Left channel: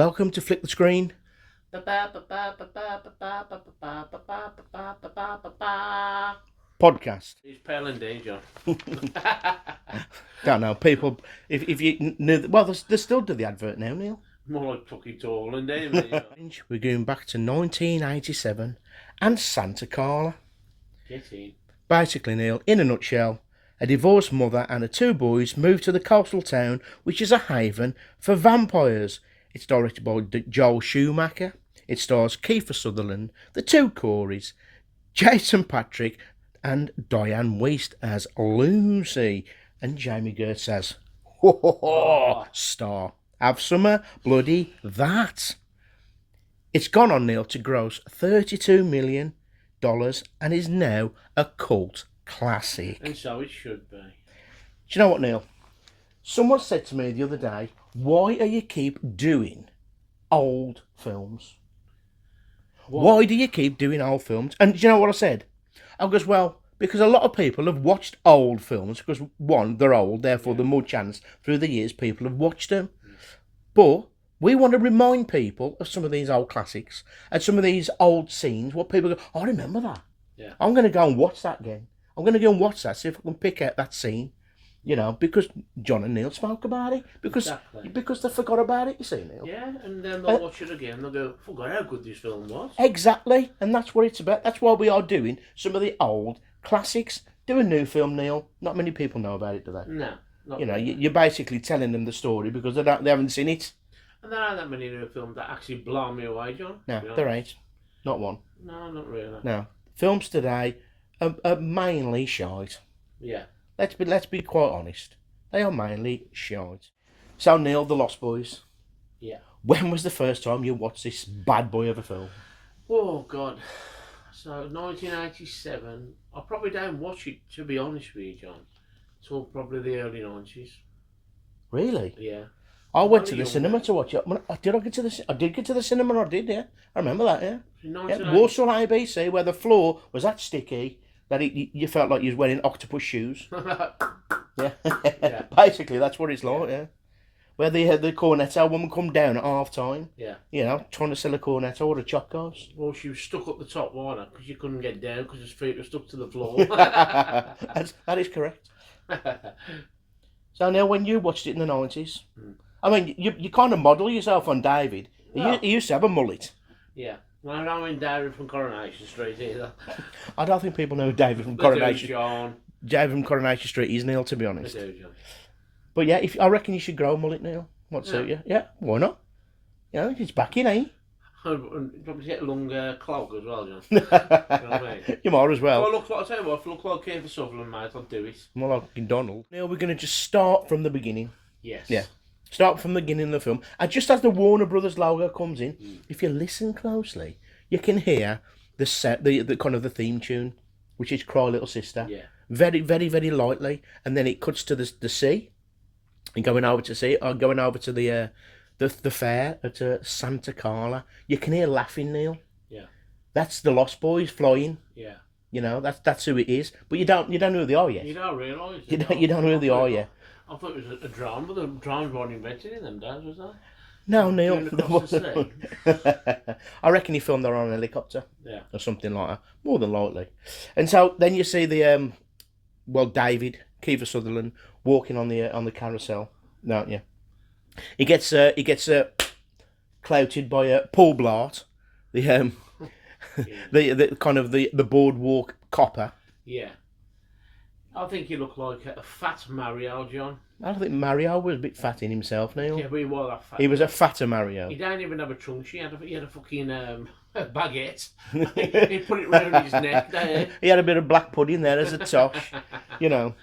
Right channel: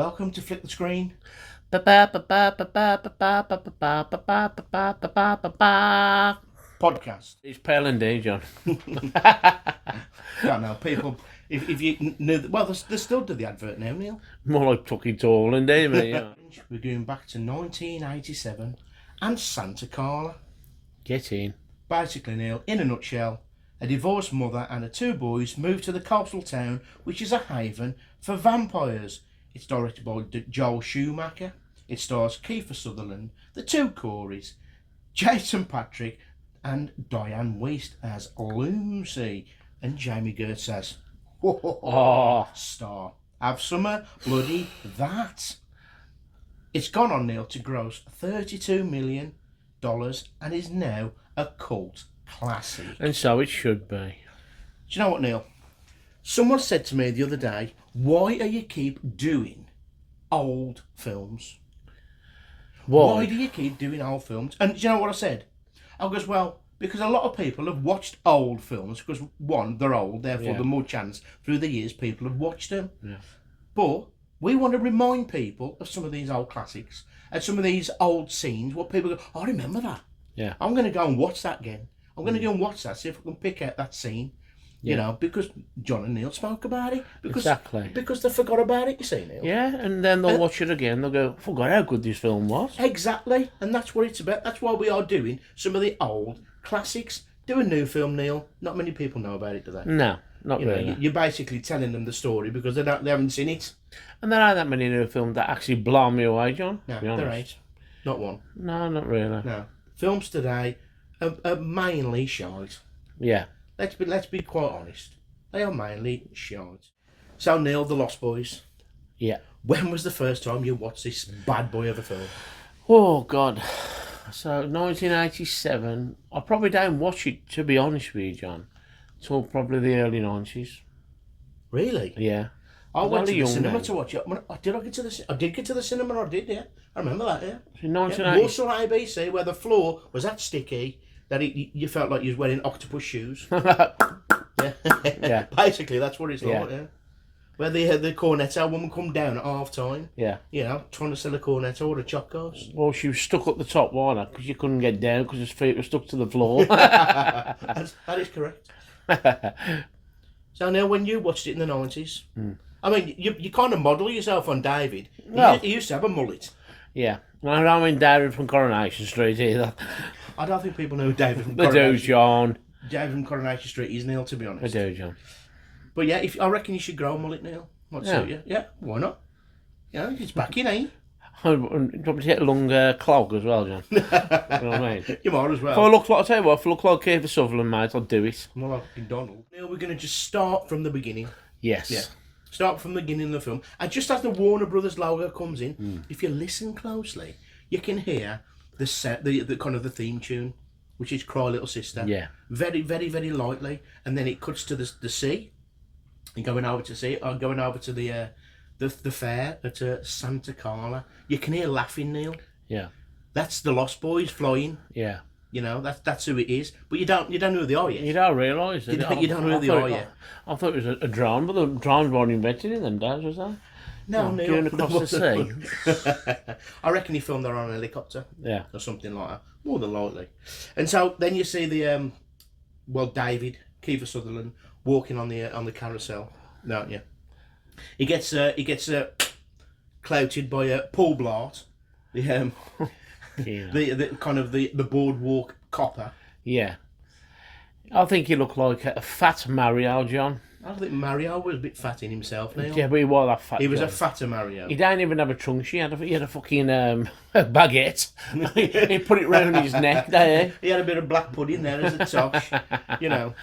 Welcome to Flick the Screen. Podcast. It's pale indeed, John. Don't know, people, if you knew, well, they still do the advert now, Neil. More like Tucky Tall indeed, mate. Yeah. We're going back to 1987 and Santa Carla. Get in. Basically, Neil, in a nutshell, a divorced mother and her two boys move to the coastal town, which is a haven for vampires. It's directed by Joel Schumacher. It stars Kiefer Sutherland, the two Coreys, Jason Patrick, and Diane Wiest as Lucy, and Jamie Gertz as star. Have some bloody that. It's gone on, Neil, to gross $32 million and is now a cult classic. And so it should be. Do you know what, Neil? Someone said to me the other day, why do you keep doing old films? Why do you keep doing old films? And do you know what I said? I goes, well, because a lot of people have watched old films, because one, they're old, therefore the more chance through the years people have watched them. Yeah. But we want to remind people of some of these old classics and some of these old scenes, what people go, I remember that. Yeah. I'm going to go and watch that again. I'm going to go and watch that, see if I can pick out that scene. You know, because John and Neil spoke about it. Because they forgot about it, you see, Neil. Yeah, and then they'll watch it again. They'll go, forgot how good this film was. Exactly, and that's what it's about. That's why we are doing some of the old classics. Do a new film, Neil. Not many people know about it, do they? No, not really. You're basically telling them the story because they haven't seen it. And there aren't that many new films that actually blow me away, John. No, there ain't. Not one. No, not really. No. Films today are mainly shite. Yeah. Let's be quite honest. They are mainly shite. So, Neil, The Lost Boys. Yeah. When was the first time you watched this bad boy of a film? Oh, God. So, 1987. I probably don't watch it, to be honest with you, John, till probably the early 90s. Really? Yeah. I went to the cinema to watch it. I did get to the cinema, I did, yeah. I remember that, yeah. So Warsaw ABC, where the floor was that sticky that you felt like you was wearing octopus shoes. Yeah. Basically, that's what it's like, yeah. Where the cornetto woman come down at half time. Yeah. You know, trying to sell a cornetto or a chocos. Well, she was stuck up the top, wasn't her? Because you couldn't get down because his feet were stuck to the floor. That is correct. So now, when you watched it in the 90s, I mean, you kind of model yourself on David. No. He used to have a mullet. Yeah. I don't mean David from Coronation Street either. I don't think people know David from Coronation Coronation Street. John. David from Coronation Street is, Neil, to be honest. I do, John. But yeah, I reckon you should grow a mullet, Neil. What's it? Yeah, why not? Yeah, it's back in, eh? I'd probably take a long clog as well, John. You know what I mean? You might as well. If I tell you what, if I look like Kiefer Sutherland, mate, I'd do it. More like Donald. Now we're going to just start from the beginning. Yes. Yeah. Start from the beginning of the film. And just as the Warner Brothers logo comes in, if you listen closely, you can hear the kind of the theme tune, which is Cry Little Sister. Yeah. Very, very, very lightly. And then it cuts to the sea. And going over to sea, or going over to the fair at Santa Carla. You can hear laughing, Neil. Yeah. That's the Lost Boys flying. Yeah. You know, that's who it is. But you don't know who they are yet. You don't realise it. You don't know who they are yet. I thought it was a drone, but the drones weren't invented in them days, was they? No, Neil. Going across the sea. I reckon he filmed there on a helicopter. Yeah. Or something like that. More than likely. And so then you see the David, Kiefer Sutherland, walking on the carousel. No, yeah. He gets clouted by Paul Blart, the the kind of the boardwalk copper. Yeah. I think he looked like a fat Mario, John. I think Mario was a bit fat in himself, Neil. Yeah, but he was that fat. He was a fatter Mario. He don't even have a trunk. He had a fucking baguette. He put it round his neck there. He had a bit of black pudding there as a tosh, you know.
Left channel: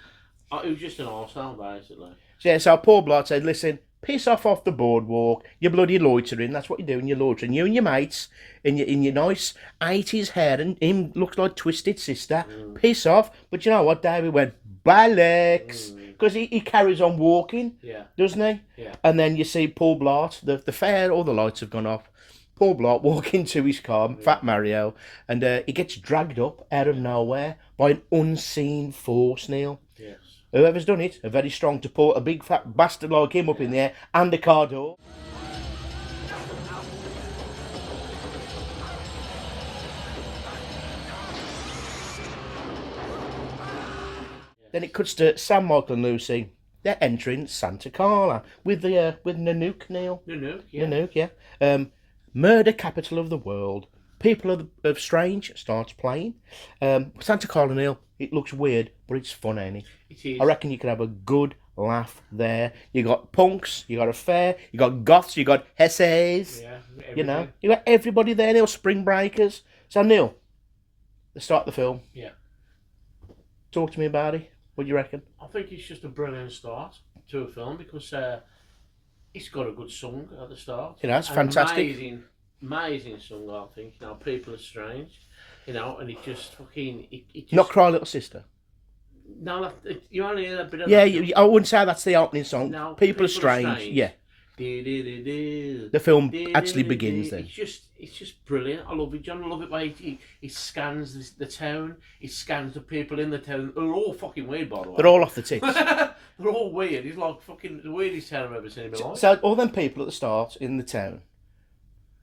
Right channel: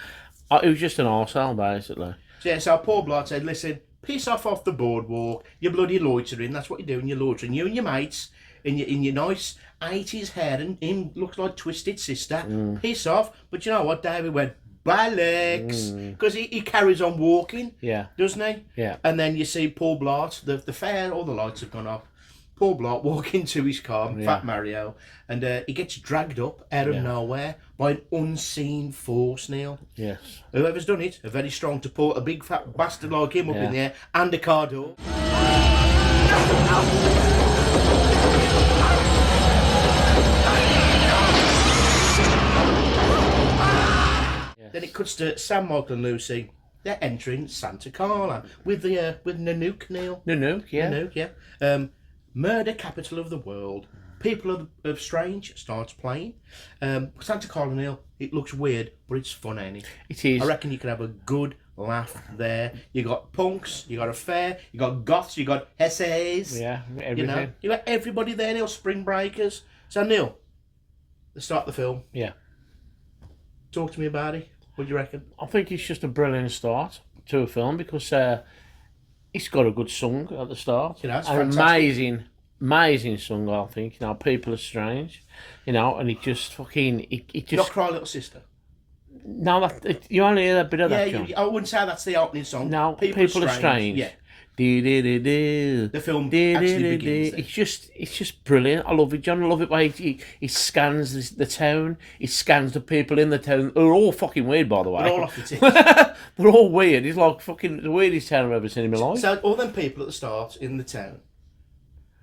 It was just an arsehole, basically. So Paul Blart said, listen, piss off the boardwalk. You're bloody loitering. That's what you're doing. You're loitering. You and your mates in your nice 80s hair, and him looks like Twisted Sister. Piss off. But you know what? David went, bollocks. Because he carries on walking, doesn't he? Yeah. And then you see Paul Blart, the fair, all the lights have gone off. Paul Blart walking to his car, Fat Mario, and he gets dragged up out of nowhere by an unseen force, Neil. Yes. Whoever's done it, are very strong to put a big fat bastard like him up in there and a car door. Then it cuts to Sam, Michael and Lucy. They're entering Santa Carla with Nanook, Neil. Nanook, yeah. Nanook, yeah. Murder capital of the world. People of Strange starts playing. Santa Carla, Neil, it looks weird, but it's fun, ain't it? It is. I reckon you can have a good laugh there. You got punks, you got a fair, you got goths, you got essays. Yeah, everything. You know, you got everybody there, Neil. Spring breakers. So Neil, let's start the film. Yeah. Talk to me about it. What do you reckon? I think it's just a brilliant start to a film because it's got a good song at the start. You know, it's An fantastic. amazing song, I think. You know, People Are Strange. You know, and it just fucking it just Not Cry Little Sister. no, you only hear a bit of Yeah, that. John. I wouldn't say that's the opening song. No, People Are Strange. Yeah, The the film actually begins there. It's just brilliant. I love it, John. I love it way he scans the town. He scans the people in the town. They're all fucking weird, by the way. They're all off the tip. They're all weird. It's like fucking the weirdest town I've ever seen in my life. So all them people at the start in the town.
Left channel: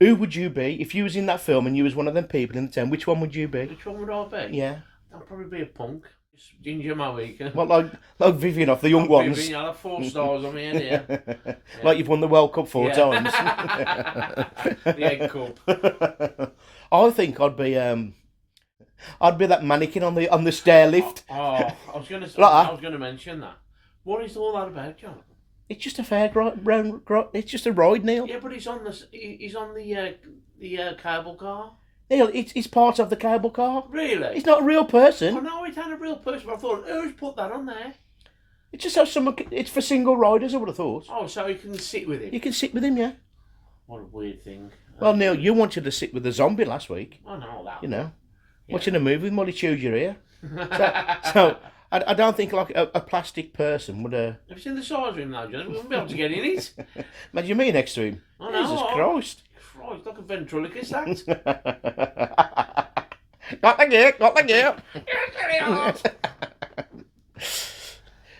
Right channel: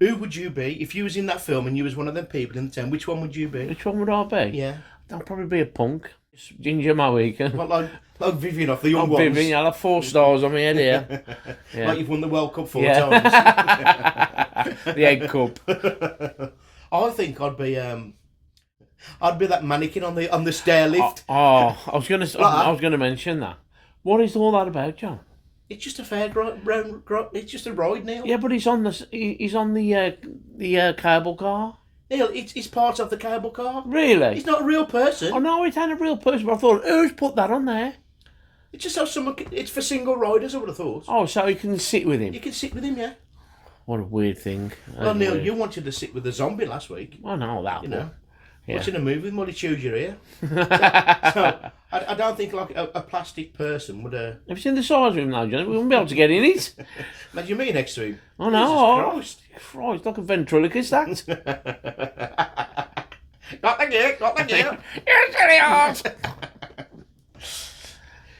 Who would you be if you was in that film and you was one of them people in the town? Which one would you be? Which one would I be? Yeah. I'll probably be a punk. Just ginger my weekend. What, like Vivian off the young I'm ones? Vivian, I'll have 4 stars on my head here. Yeah. Like you've won the World Cup 4 Yeah. times. The egg cup. I think I'd be that mannequin on the stair lift. Oh, I was gonna mention that. What is all that about, John? It's just a fairground. It's just a ride, Neil. Yeah, but he's on the cable car. Neil, it's part of the cable car. Really? He's not a real person. Oh no, it ain't a real person. But I thought, who's put that on there? It's just how someone. It's for single riders. I would have thought. Oh, so he can sit with him. You can sit with him, yeah. What a weird thing. Well, Neil, you wanted to sit with the zombie last week. I know that. You know, Yeah. watching a movie with Molly Chews your ear. So I don't think like a plastic person would. Have you seen the size of him now, John? We wouldn't be able to get in it. Imagine me next to him. Oh no! Jesus Christ, like a ventriloquist act. Got the gear. You're silly horse.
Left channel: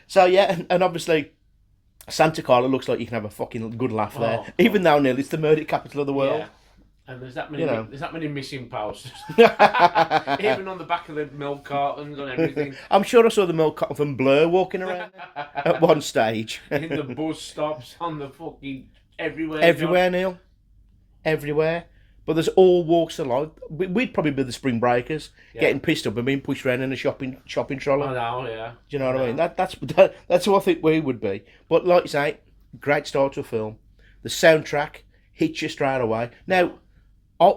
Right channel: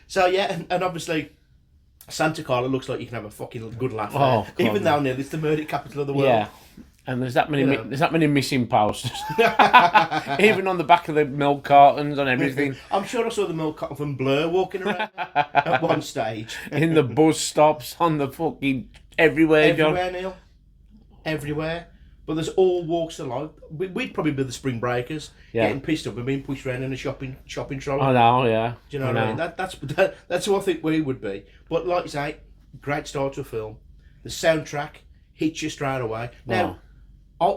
So yeah, and obviously Santa Carla looks like you can have a fucking good laugh there. Oh, Even God. though Neil, it's the murder capital of the world. Yeah. And there's that many You know. there's that many missing posters. Even on the back of the milk cartons and everything. I'm sure I saw the milk carton from Blur walking around at one stage. In the bus stops, on the fucking everywhere. Everywhere, Neil. Everywhere. But there's all walks of life. We'd probably be the spring breakers, Yeah. getting pissed up and being pushed around in a shopping trolley. John. I know, yeah. Do you know what I mean? That's who I think we would be. But like you say, great start to a film. The soundtrack hits you straight away. Now,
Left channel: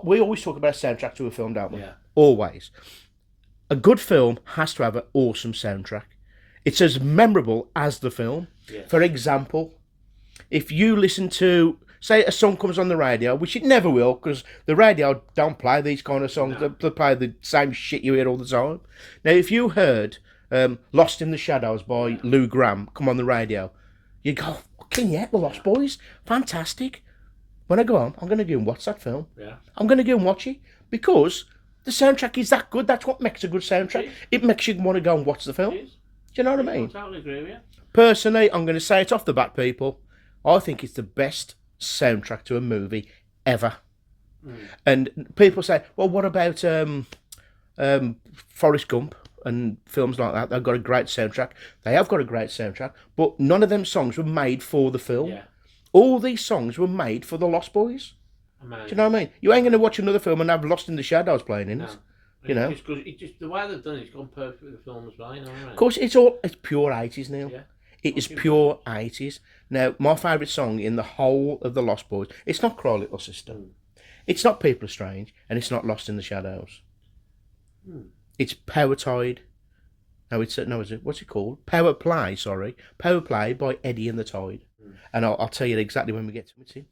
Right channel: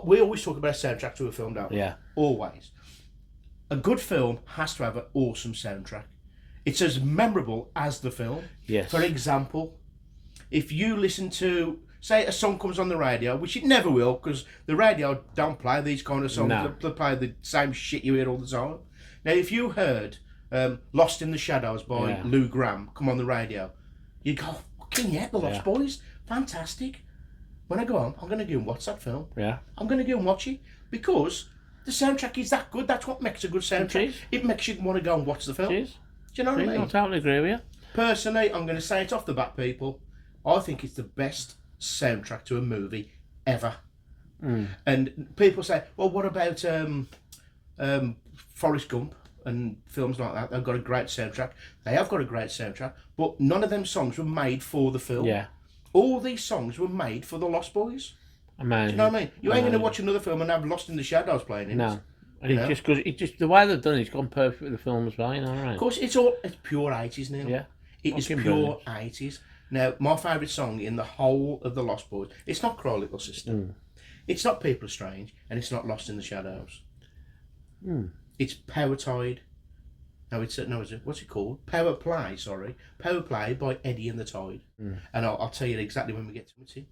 we always talk about a soundtrack to a film, don't we? Yeah. Always. A good film has to have an awesome soundtrack. It's as memorable as the film. Yes. For example, if you listen to, say, a song comes on the radio, which it never will, because the radio don't play these kind of songs. No. They play the same shit you hear all the time. Now, if you heard Lost in the Shadows by Lou Gramm come on the radio, you go, fucking yeah, the Lost Boys, fantastic. When I go on, I'm going to go and watch that film. Yeah. I'm going to go and watch it because the soundtrack is that good. That's what makes a good soundtrack. is. It makes you want to go and watch the film. It is. Do you know what I I mean? totally agree with you. Personally, I'm going to say it off the bat, people. I think it's the best soundtrack to a movie ever. And people say, well, what about Forrest Gump and films like that? They've got a great soundtrack. They have got a great soundtrack, but none of them songs were made for the film. Yeah. All these songs were made for the Lost Boys. Amazing. Do you know what I mean? You ain't going to watch another film and have Lost in the Shadows playing in it. No. And You know? it just the way they've done it's gone perfect with the film as well, you know, right? Of course, it's pure 80s now. Yeah. It is Fucking pure 80s. Now, my favourite song in the whole of the Lost Boys, it's not Cry Little Sister. It's not People Are Strange, and it's not Lost in the Shadows. It's Power Tide. No, is it? What's it called? Power Play, sorry. Power Play by Eddie and the Tide. And I'll tell you exactly when we get to it.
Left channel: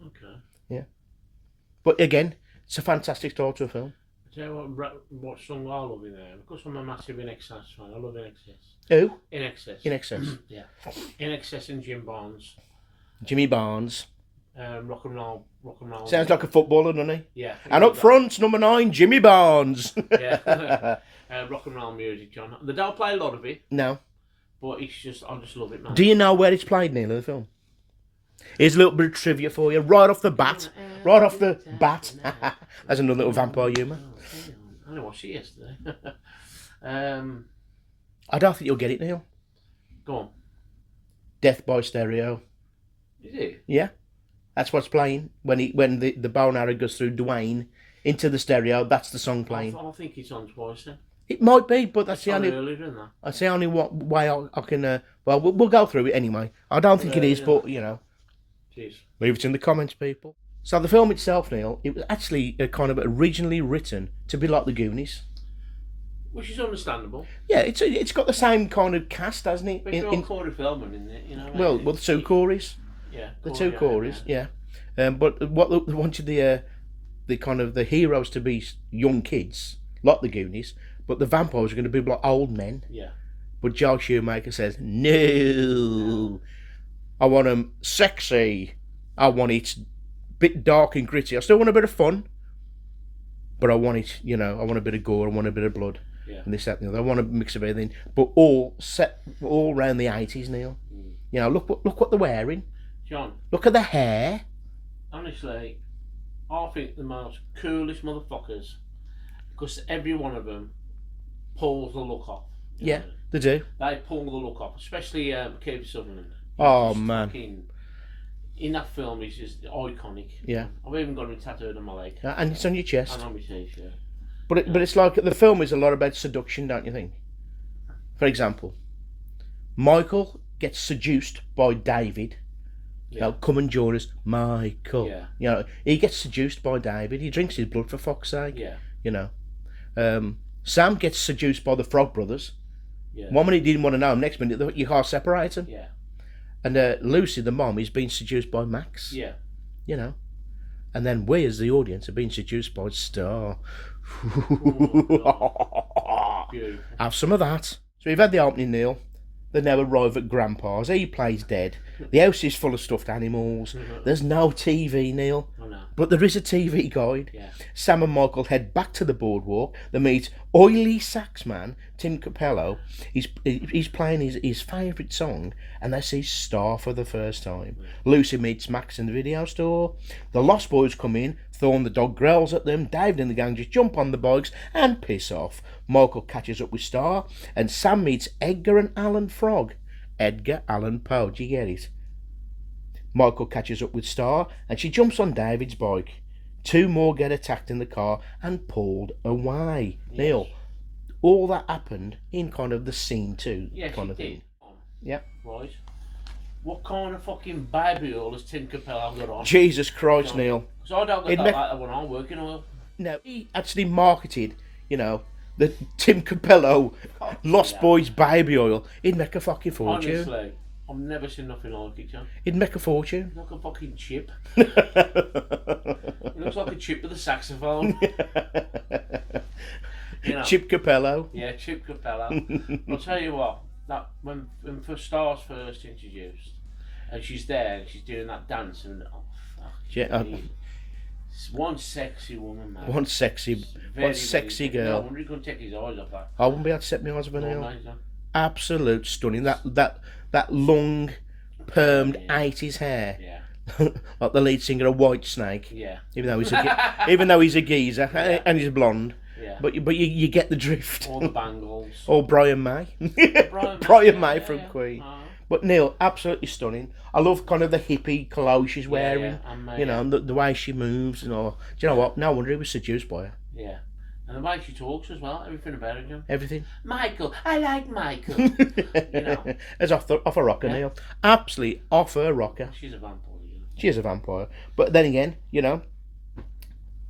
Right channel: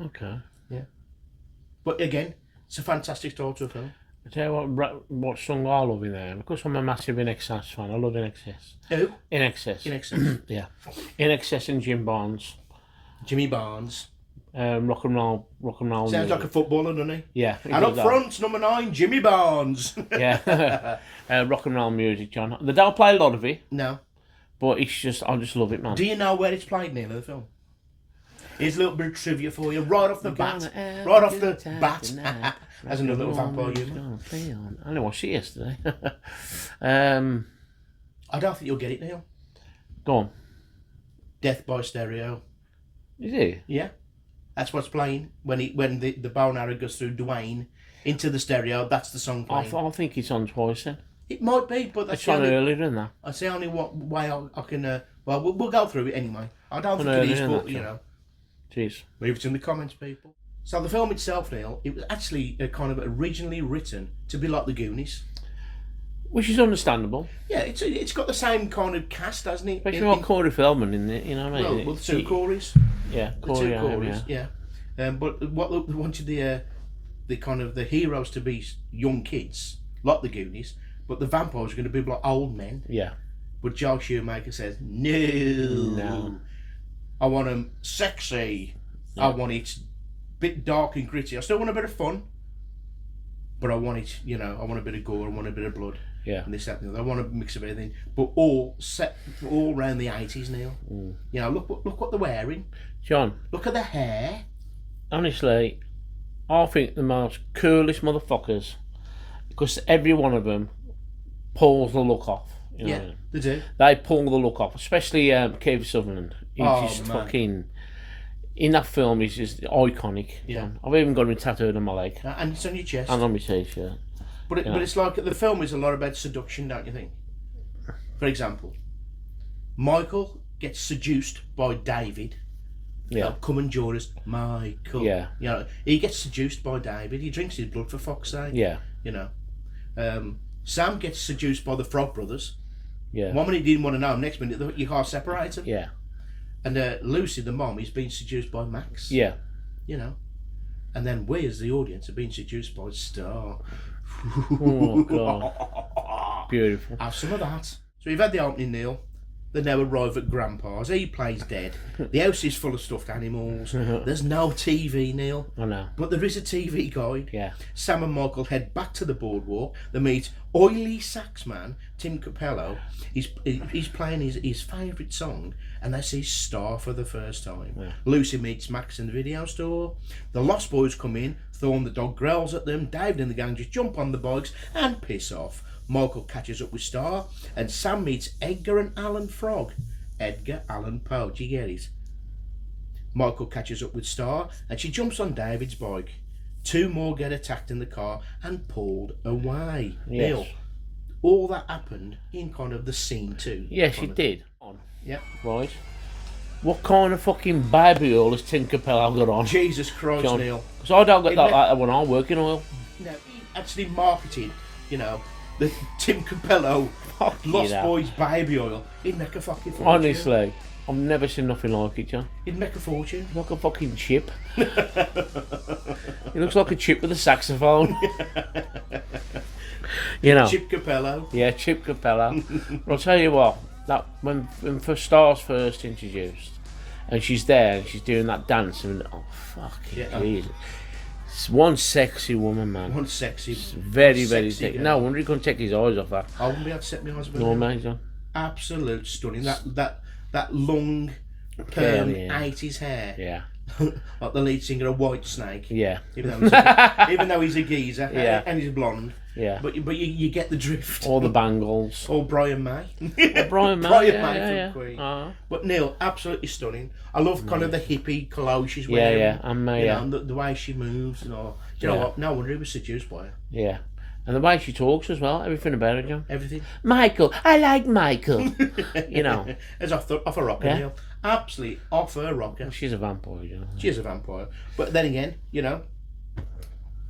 Okay. Yeah. But again, it's a fantastic start to a film. I tell you what song I love in there, because I'm a massive In Excess fan. I love In Excess. Who? In Excess. In Excess. Yeah. In Excess and Jim Barnes. Jimmy Barnes. Rock and roll. Sounds like a footballer, doesn't he? Yeah. And up front, number 9, Jimmy Barnes. Yeah. Rock and roll music, John. They don't play a lot of it, No. but I just love it, man. Do you know where it's played, Neil, in the film? Here's a little bit of trivia for you, right off the bat. Right off the bat. That's another little vampire humour. I only watched it yesterday. I don't think you'll get it, Neil. Go on. Death by Stereo. Is it? Yeah. That's what's playing. When the bow and arrow goes through Dwayne into the stereo, that's the song playing. I think it's on twice then. It might be, but that's It's the on only... earlier than that. That's the only way I can... well, we'll go through it anyway. I don't think it is, but, you know... Jeez. Leave it in the comments, people. So the film itself, Neil, it was actually kind of originally written to be like the Goonies. Which is understandable. Yeah, it's got the same kind of cast, hasn't it? Especially on Corey Feldman in it, you know what I mean? Well, the two Corys. Yeah, The two Corys, yeah. But what they wanted the kind of the heroes to be young kids, like the Goonies, but the vampires are going to be like old men. Yeah. But Joel Schumacher says, no. I want them sexy. I want it a bit dark and gritty. I still want a bit of fun, but I want it, you know, I want a bit of gore, I want a bit of blood. Yeah. And this, that, and the other. I want a mix of everything, but all around the 80s, Neil. You know, look what they're wearing. John. Look at the hair. Honestly, I think the most coolest motherfuckers, because every one of them pulls the look off. You know Yeah, what I mean? they do. They pull the look off, especially Kiefer Sutherland. He's just man. fucking... In that film, he's just iconic. Yeah. I've even got him tattooed on my leg. And it's on your chest. And on my t-shirt. But it's like the film is a lot about seduction, don't you think? For example, Michael gets seduced by David. Yeah. You know, come and join us, Michael. Yeah. You know, he gets seduced by David. He drinks his blood, for fuck's sake. Yeah. You know, Sam gets seduced by the Frog Brothers. Yeah. One minute he didn't want to know him, next minute your car separates them. Yeah. And Lucy, the mom, is being seduced by Max. Yeah. You know, and then we as the audience are being seduced by Star. Oh, God. Beautiful. Have some of that. So we've had the opening, Neil. They now arrive at Grandpa's. He plays dead. The house is full of stuffed animals. There's no TV, Neil. I know. But there is a TV guide. Yeah. Sam and Michael head back to the boardwalk. They meet oily sax man Tim Capello. He's playing his favourite song, and they see Star for the first time. Yeah. Lucy meets Max in the video store. The Lost Boys come in. Thorn the dog growls at them. David and the gang just jump on the bikes and piss off. Michael catches up with Star, and Sam meets Edgar and Allan Frog. Edgar Allan Poe, do you get it? Michael catches up with Star, and she jumps on David's bike. Two more get attacked in the car and pulled away. Yes. Neil, all that happened in kind of the scene too. Yes, it did. Yeah. Right. What kind of fucking baby oil has Tim Capello got on? Jesus Christ, John. Neil. Because I don't get that like that when I work in oil. No, he actually marketed, you know, the Tim Capello Lost Boys baby oil. He'd make a fucking fortune. Honestly, I've never seen nothing like it, John. He'd make a fortune. Like a fucking chip. He looks like a chip with a saxophone. You know. Chip Capello. Yeah, Chip Capello. I'll tell you what, that when Star's first introduced, and she's there and she's doing that dance, and oh fuck, yeah. It's one sexy woman, man. One sexy, very sexy girl. No wonder he couldn't take his eyes off that. I wouldn't be able to set my eyes on her. No, man, John. Absolute stunning. That long, permed 80s hair. Yeah. Like the lead singer of Whitesnake. Yeah. Even though he's a geezer and he's blonde. Yeah. But you get the drift. All the bangles. Or Brian May. Brian May from Queen. Uh-huh. But Neil, absolutely stunning. I love kind of the hippie clothes she's wearing. Yeah, and you know, the way she moves and all. Do you know what? No wonder he was seduced by her. Yeah. And the way she talks as well, everything about her, John. Everything. Michael, I like Michael. You know. It's off a rocker, Neil. Absolutely off her rocker. Well, she's a vampire, John. She is a vampire. But then again, you know,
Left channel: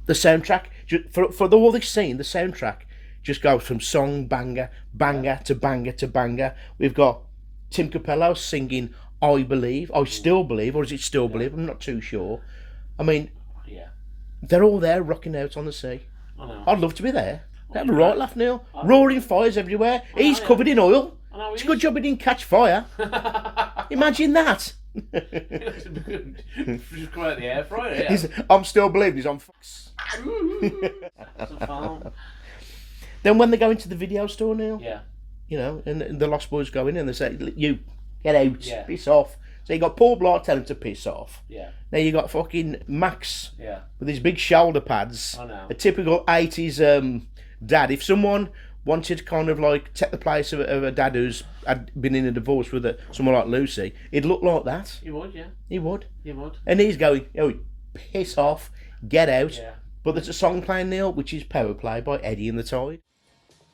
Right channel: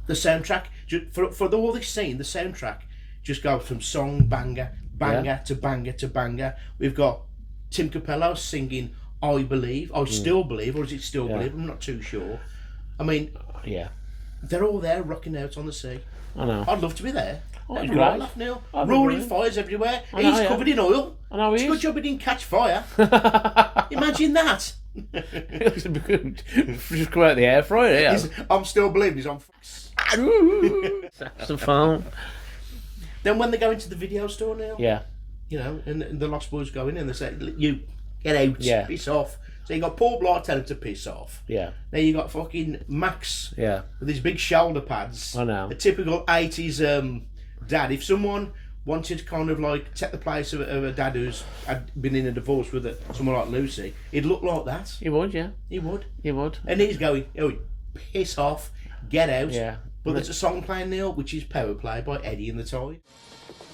the soundtrack, for all this scene, the soundtrack just goes from song banger to banger to banger. We've got Tim Capello singing I Believe, I Still Believe, or is it Still Believe? I'm not too sure. I mean, they're all there rocking out on the sea. I know. I'd love to be there. That'd be great. right, laugh, Neil. Roaring fires everywhere. He's covered in oil. I know It's a good job he didn't catch fire. Imagine that. Just come out the air fryer, yeah. I'm still believing he's on saxophone. Then when they go into the video store, Neil, Yeah. you know, and the Lost Boys go in and they say, you, get out, piss off. So you got Paul Blart telling him to piss off. Yeah. Now you got fucking Max. Yeah. With his big shoulder pads. I know. A typical 80s dad. If someone wanted to kind of like take the place of a dad who's had been in a divorce with someone like Lucy, he'd look like that. He would, yeah. He would. He would. And he's going, oh, piss off, get out. Yeah. But there's a song playing, Neil, which is Power Play by Eddie and the Tide.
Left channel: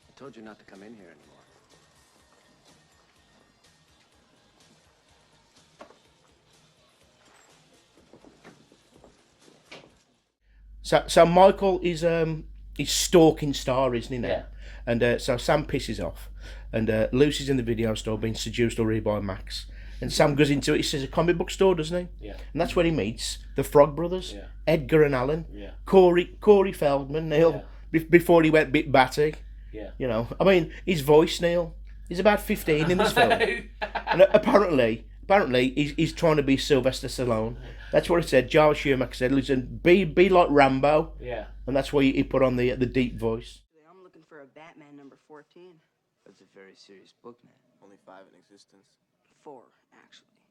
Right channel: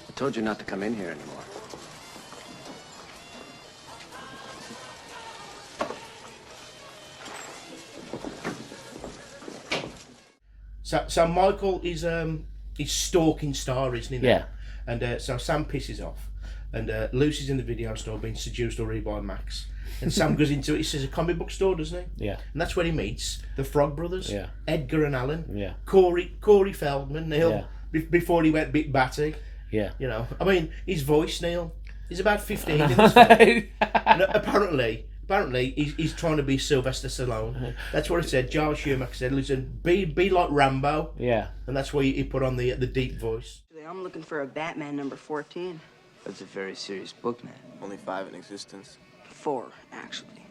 I told you not to come in here anymore. So Michael is stalking Star, isn't he? Now? Yeah. And so Sam pisses off, and Lucy's in the video store being seduced already by Max. And Sam goes into it. He says a comic book store, doesn't he? Yeah. And that's where he meets the Frog Brothers. Yeah. Edgar and Alan. Yeah. Corey Feldman, Neil. Yeah. Before he went bit batty. Yeah. You know, I mean, his voice, Neil. He's about 15 in this film. And apparently he's trying to be Sylvester Stallone. That's what he said. Joel Schumacher said, "Listen, be like Rambo." Yeah. And that's why he put on the deep voice. I'm looking for a Batman number 14. That's a very serious book, man. Only 5 in existence. 4, actually.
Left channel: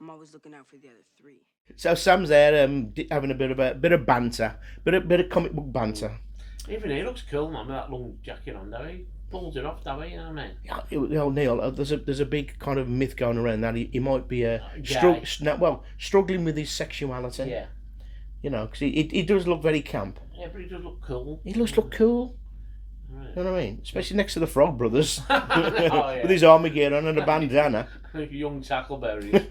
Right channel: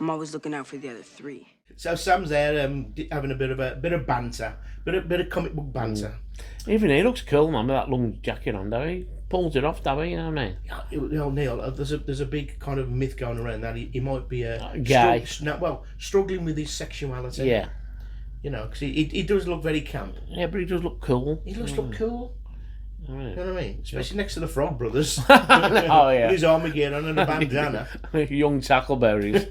I'm always looking out for the other 3. So Sam's there having a bit of banter, bit of comic book banter. Even he looks cool, man, with that long jacket on, though. He pulls it off, though, you know what I mean? You know, Neil, there's a big kind of myth going around that he might be gay. Struggling with his sexuality. Yeah. You know, because he does look very camp. Yeah, but he does look cool. He looks look cool. Right. You know what I mean? Especially next to the Frog Brothers. Oh, yeah. With his Armageddon and a bandana. Young tackleberries.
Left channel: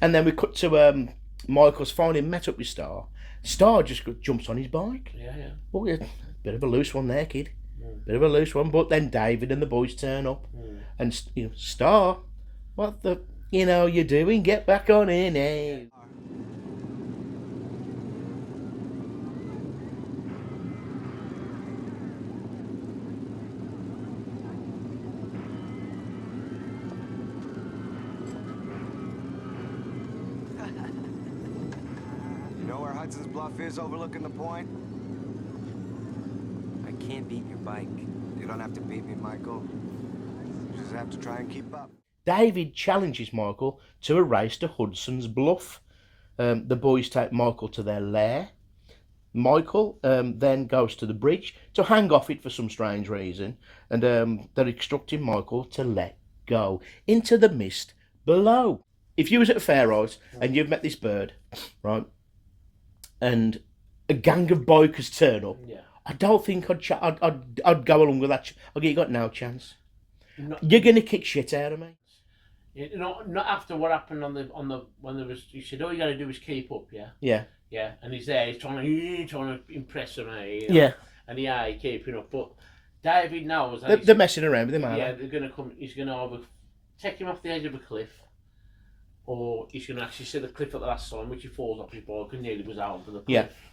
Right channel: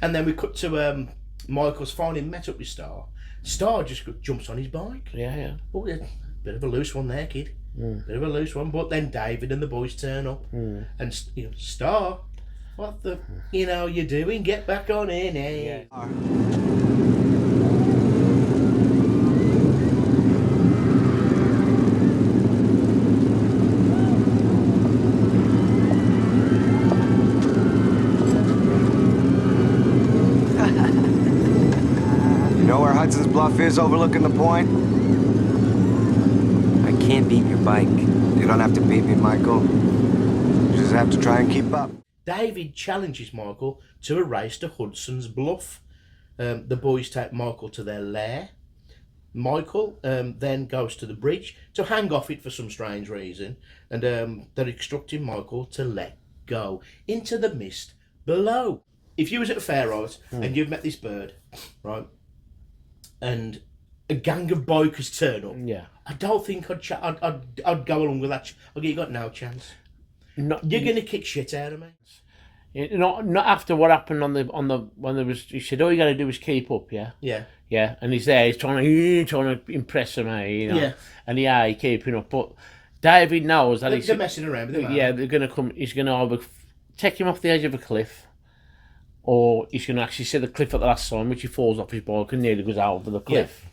And then we cut to Michael's finally met up with Star. Star just jumps on his bike. Yeah, yeah. Oh, yeah. Bit of a loose one there, kid. Bit of a loose one. But then David and the boys turn up. And, you know, Star, what the, you know, you're doing? Get back on in, eh? Yeah. You know where Hudson's Bluff is overlooking the point? I can't beat your bike. You don't have to beat me, Michael. You just have to try and keep up. David challenges Michael to a race to Hudson's Bluff. The boys take Michael to their lair. Michael then goes to the bridge to hang off it for some strange reason, and they're instructing Michael to let go into the mist below. If you was at a fair, right, and you've met this bird, right, and a gang of bikers turn up, Yeah. I don't think I'd go along with that. You got no chance. Not, You're gonna kick shit out of me. not after what happened on the when there was. He said, all you got to do is keep up, yeah. Yeah. Yeah, and he's there. He's trying to impress him, you know. Yeah. And he's keeping up, but David knows that They're messing around with him. yeah, they're gonna come. He's gonna either take him off the edge of a cliff, or he's gonna actually see the cliff at the last time, which he falls off his bike and nearly goes over the cliff.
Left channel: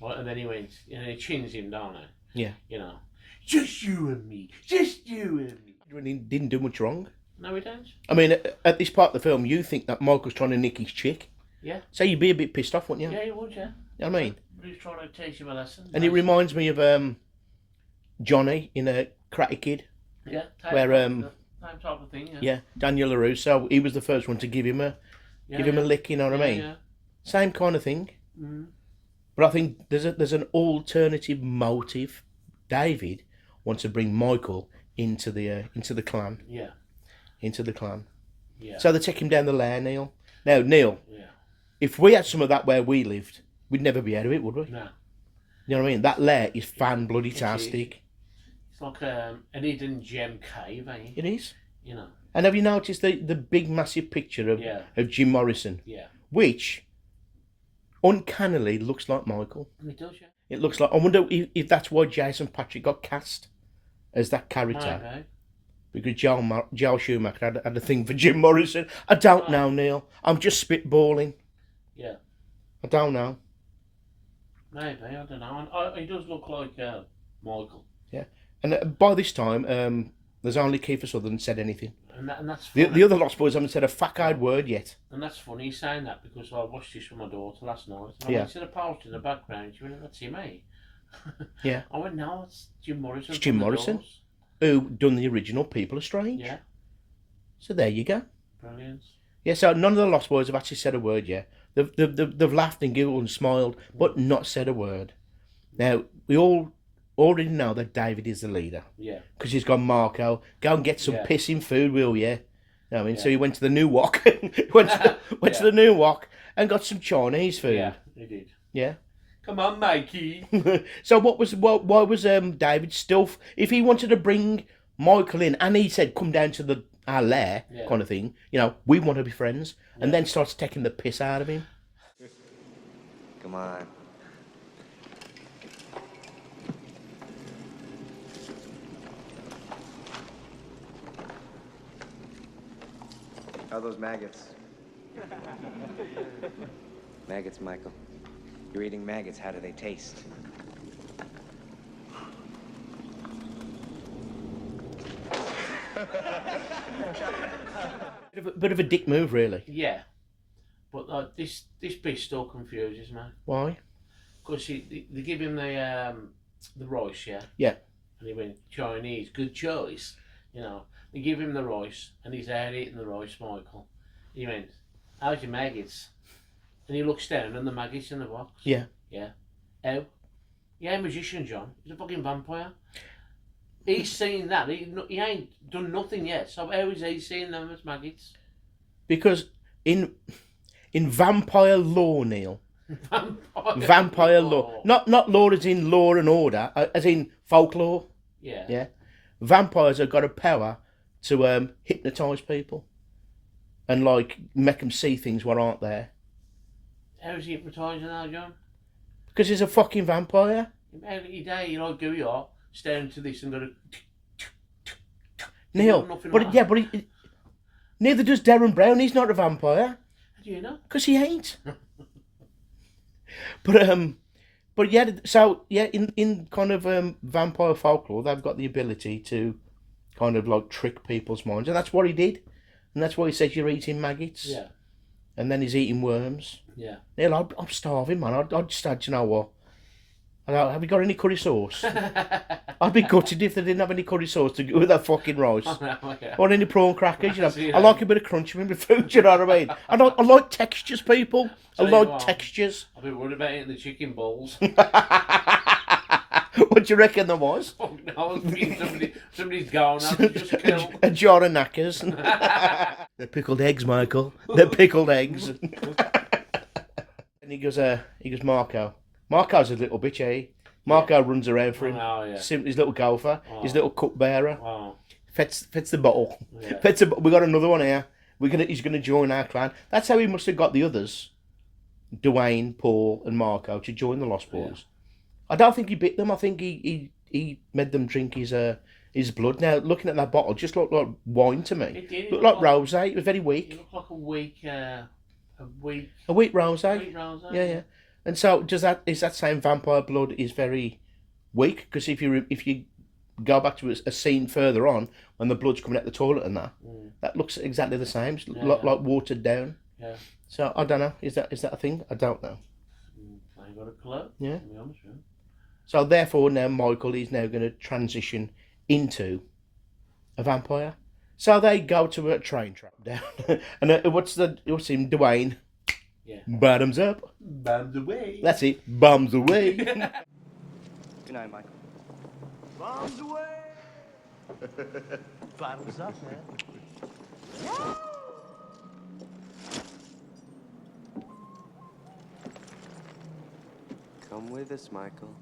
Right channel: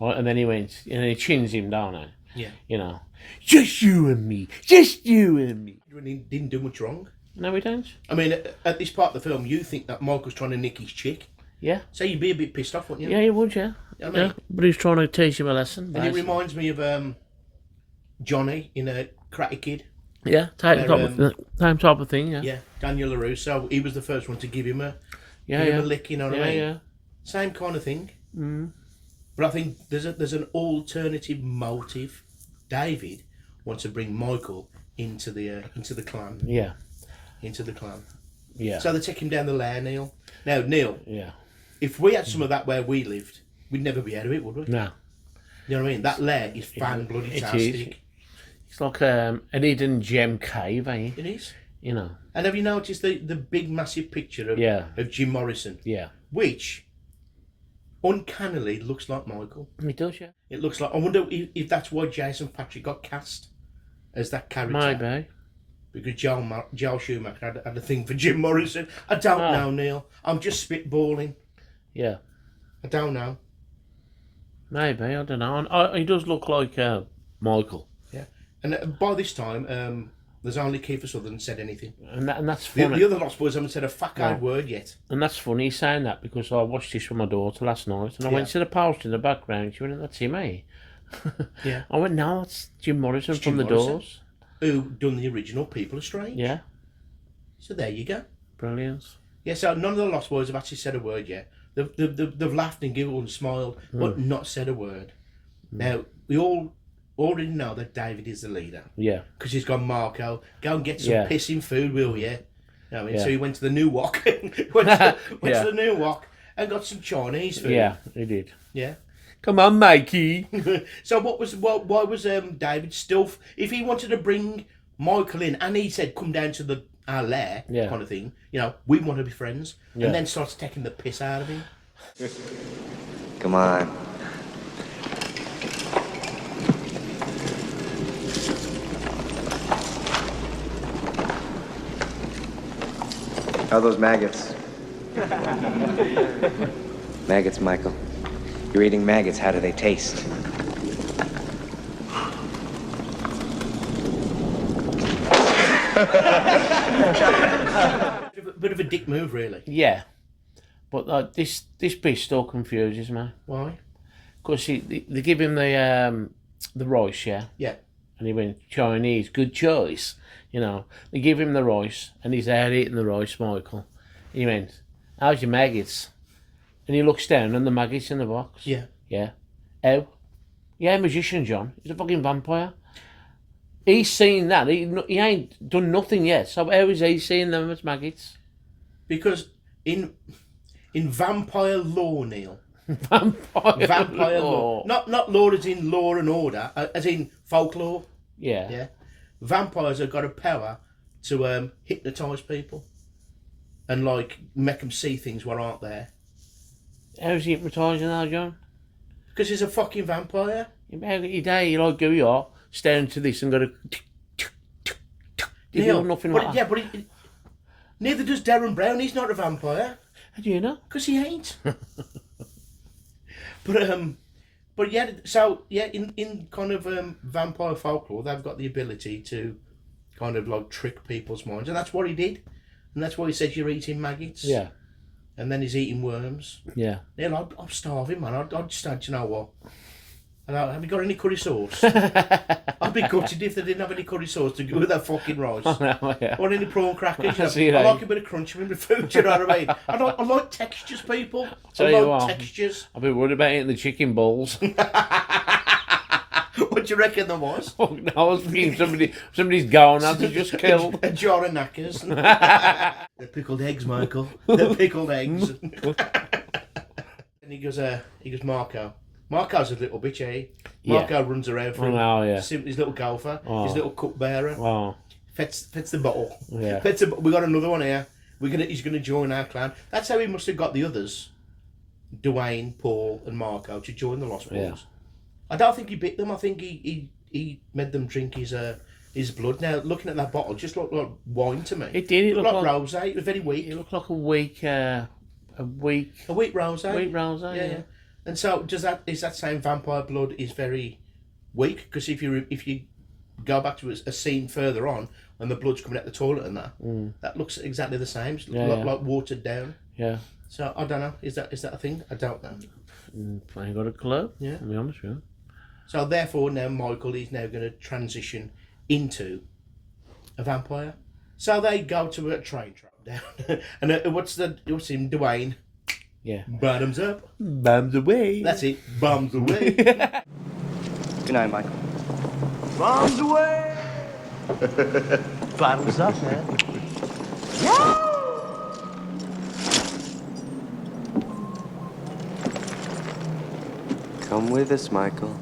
Right, and then he chins him down there. Yeah. You know, just you and me, just you and me. He didn't do much wrong. No, we don't. I mean, at this part of the film, you think that Michael's trying to nick his chick. Yeah. So you'd be a bit pissed off, wouldn't you? Yeah, you would, yeah. I mean, But he's trying to teach him a lesson. and basically. it reminds me of Johnny in a Karate Kid. Yeah, same type of thing, yeah. Yeah, Daniel LaRusso. He was the first one to give him a lick. You know what I mean? Yeah. Same kind of thing. Mm. But I think there's an alternative motive. David wants to bring Michael into the clan. Yeah. Into the clan. Yeah. So they take him down the lair, Neil. Now, Neil, Yeah. if we had some of that where we lived, we'd never be out of it, would we? No. You know what I mean? That lair is fan-bloody-tastic. It's like an hidden gem cave, eh? It is. You know. And have you noticed the big, massive picture of Jim Morrison? Yeah. Which uncannily looks like Michael. It does, yeah. It looks like... I wonder if that's why Jason Patrick got cast as that character. Maybe. Because Joel Schumacher had a thing for Jim Morrison. I don't know, Neil. I'm just spitballing. Yeah. I don't know. Maybe, I don't know. He does look like Michael. Yeah. And by this time, there's only Kiefer Sutherland said anything. And that's funny. The other Lost Boys haven't said a fuck-eyed word yet. And that's funny saying that, because I watched this with my daughter last night, and I went to the post in the background. She went, "That's him, eh?" Yeah. I went, "No, it's Jim Morrison It's from Jim the Morrison. Doors." Who done the original People Are Strange. Yeah. So there you go. Brilliant. Yeah, so none of the Lost Boys have actually said a word yet. They've laughed and giggled and smiled, but not said a word. Now, we all already know that David is the leader. Yeah. Because he's gone, Marco, go and get some Yeah. pissing food, will you? I mean, Yeah. so he went to the New Wok. went to the New Wok and got some Chinese food. Yeah, he did. Yeah. Come on, Mikey. So why was David still... If he wanted to bring Michael in and he said, come down to our lair, kind of thing, you know, we want to be friends, and then starts taking the piss out of him. Come on. How are those maggots? Maggots, Michael. You're eating maggots. How do they taste? Bit of a dick move, really. Yeah. But this bit still confuses me. Why? Because they give him the rice, yeah? Yeah. And he went, Chinese, good choice. You know, they give him the rice, and he's out eating the rice, Michael. He went, how's your maggots? And he looks down, and the maggots in the box. Yeah. Yeah. How? Yeah, a magician, John. He's a fucking vampire. He's seen that. He ain't done nothing yet. So how is he seeing them as maggots? Because in vampire lore, Neil. Vampire Lore. Not lore as in law and order, as in folklore. Yeah. Yeah. Vampires have got a power to hypnotise people and like make them see things what aren't there. How's he hypnotising now, John? Because he's a fucking vampire. Every day you like go you are staring to this and go to Neil, nothing but like yeah, that. but neither does Darren Brown. He's not a vampire. How do you know? Because he ain't. But yeah, so yeah, in kind of vampire folklore, they've got the ability to kind of like trick people's minds, and that's what he did, and that's why he says you're eating maggots. Yeah. And then he's eating worms. Yeah. Neil, I'm starving, man. I'd just had, you know what? Have you got any curry sauce? I'd be gutted if they didn't have any curry sauce to go with that fucking rice. Yeah. Or any prawn crackers. See, I like a bit of crunch in my food, you know what I mean? I like textures, people. I like textures. I've been worried about eating the chicken balls. What do you reckon there was? Oh, no, I was thinking somebody's gone out and just killed. A jar of knackers. They're pickled eggs, Michael. They're pickled eggs. And he goes, Marco. Marco's a little bitch, eh? Marco runs around for him. Oh, yeah. His little gopher, his little cupbearer. Oh. Fets the bottle. Yeah. We got another one here. He's gonna join our clan. That's how he must have got the others, Dwayne, Paul, and Marco, to join the Lost Boys. Yeah. I don't think he bit them. I think he made them drink his blood. Now looking at that bottle, it just looked like wine to me. It did. It looked like rosé. It was very weak. It looked like a weak rosé. A weak rosé. Weak rosé. Yeah. And so is that saying vampire blood is very weak? Because if you go back to a scene further on when the blood's coming out the toilet and that looks exactly the same. Like watered down. Yeah. So I don't know. Is that a thing? I don't know. I ain't got a clue. Yeah. To be honest with you. So therefore now Michael is now going to transition into a vampire. So they go to a train track down, and what's him, Dwayne? Yeah. Bottoms up. Bums away. That's it. Bums away. Good night, Michael. Bombs away! Bottoms up, man. Come with us, Michael.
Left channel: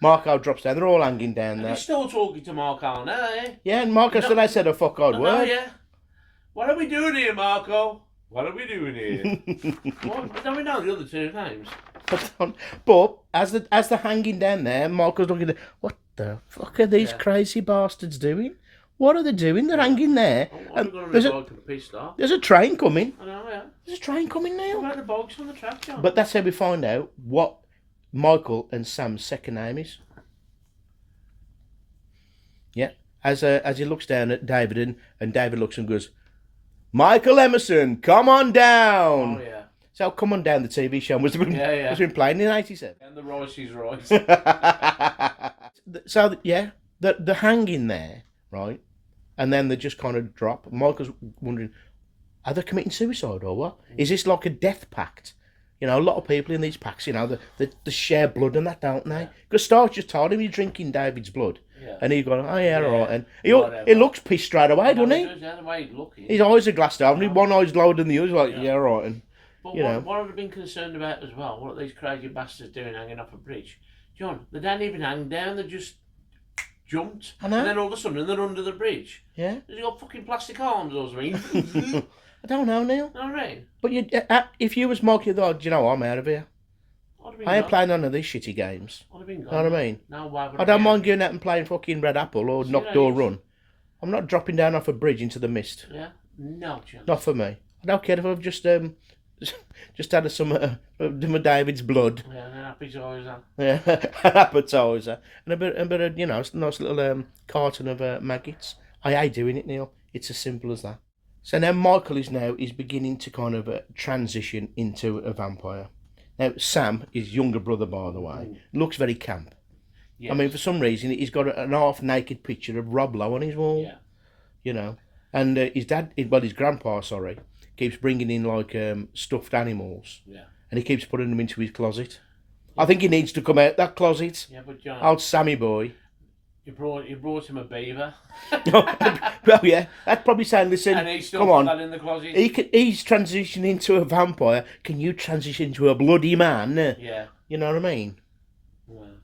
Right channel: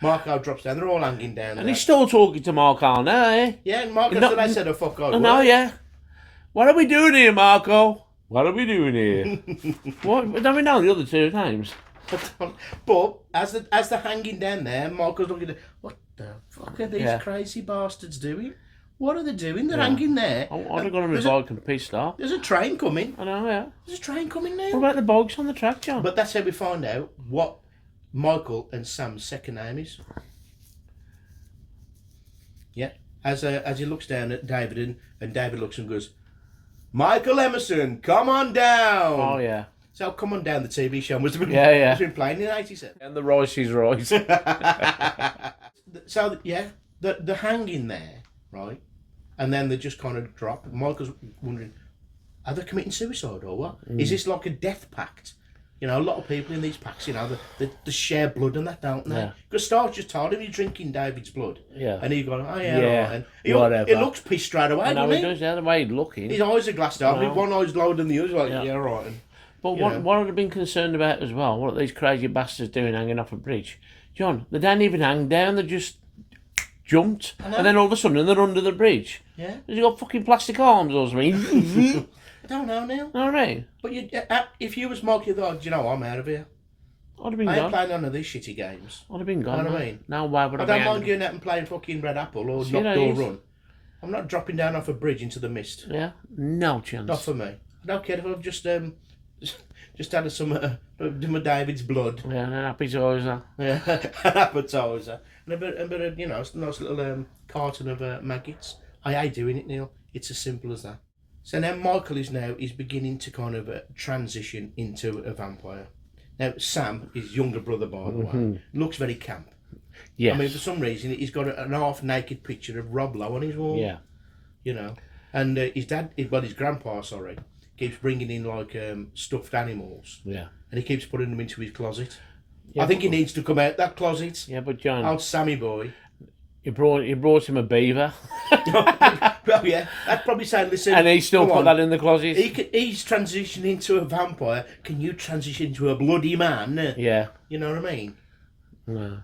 Marco drops down. They're all hanging down And there. he's still talking to Marco now, eh? Yeah, and Marco Not- said, I said, oh, fuck God. I know, yeah. What are we doing here, Marco? What are we doing here? What? Don't we know the other two names? But as they're hanging down there, Marco's looking at what the fuck are these crazy bastards doing? What are they doing? They're hanging there. I'm and going to there's be a- bike and pissed off. There's a train coming. I know, yeah. There's a train coming What now. about the bugs on the track, John? But that's how we find out what Michael and Sam's second name is. Yeah. As he looks down at David and David looks and goes, Michael Emerson, come on down. Oh, yeah. So Come On Down, the TV show, must have been, Yeah. must have been playing in 87. And the rice is right. So, yeah, the hanging there, right? And then they just kind of drop. Michael's wondering, are they committing suicide or what? Is this like a death pact? You know, a lot of people in these packs, you know, they share blood and that, don't they? Yeah. Because Stark just told him you're drinking David's blood. Yeah. And he going, oh, yeah, Yeah, right. And whatever. he looks pissed straight away, No, doesn't he he? does, yeah, the way he's looking. His eyes are glassed over. Wow. One eye's lower than the other. Like, Yeah. yeah, right. And, But you know. what I'd have been concerned about as well, what are these crazy bastards doing hanging off a bridge? John, they don't even hang down, they just jumped. I know. And then all of a sudden they're under the bridge. yeah. Has he got fucking plastic arms or something? I don't know, Neil. All right. But if you was Mark, you'd thought, do you know what, I'm out of here. I'd have been I ain't gone. playing none of these shitty games. I'd have been gone. Know what I man. mean? No, why would I I don't be mind angry? going out and playing fucking Red Apple or See, Knock that Door is- Run. I'm not dropping down off a bridge into the mist. Yeah? No chance. Not for me. I don't care if I've just had some David's blood. Yeah, and an appetizer. Yeah, an appetizer and a bit of nice little carton of maggots. I hate doing it, Neil. It's as simple as that. So now Michael is beginning to kind of transition into a vampire. Now Sam, his younger brother, by the way, looks very camp. Yes. I mean, for some reason, he's got an half-naked picture of Rob Lowe on his wall. Yeah. You know, and his grandpa, keeps bringing in like stuffed animals, Yeah. and he keeps putting them into his closet. Yeah, I think he needs to come out that closet. Yeah, but John, Old Sammy boy. you brought him a beaver, Well, yeah, that's probably saying, listen, and he still come put on. that in the closet. He's transitioning into a vampire. Can you transition into a bloody man? Yeah. You know what I mean? No.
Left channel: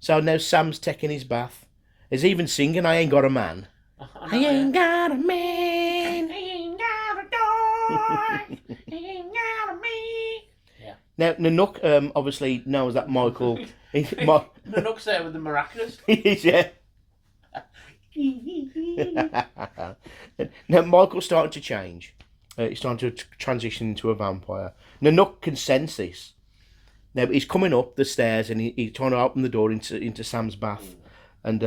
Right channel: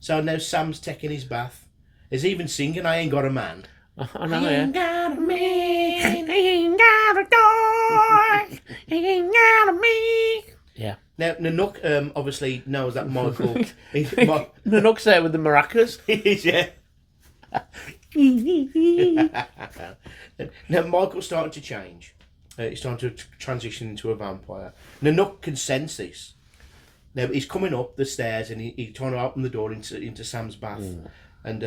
So now Sam's taking his bath. He's even singing, I ain't got a man. I know, yeah. got a man. I ain't got a dog. I ain't got a me. Yeah. Now, Nanook obviously knows that Michael... Nanook's there with the maracas. yeah. Now, Michael's starting to change. He's starting to transition into a vampire. Nanook can sense this. Now, he's coming up the stairs and he's trying to open the door into Sam's bath. And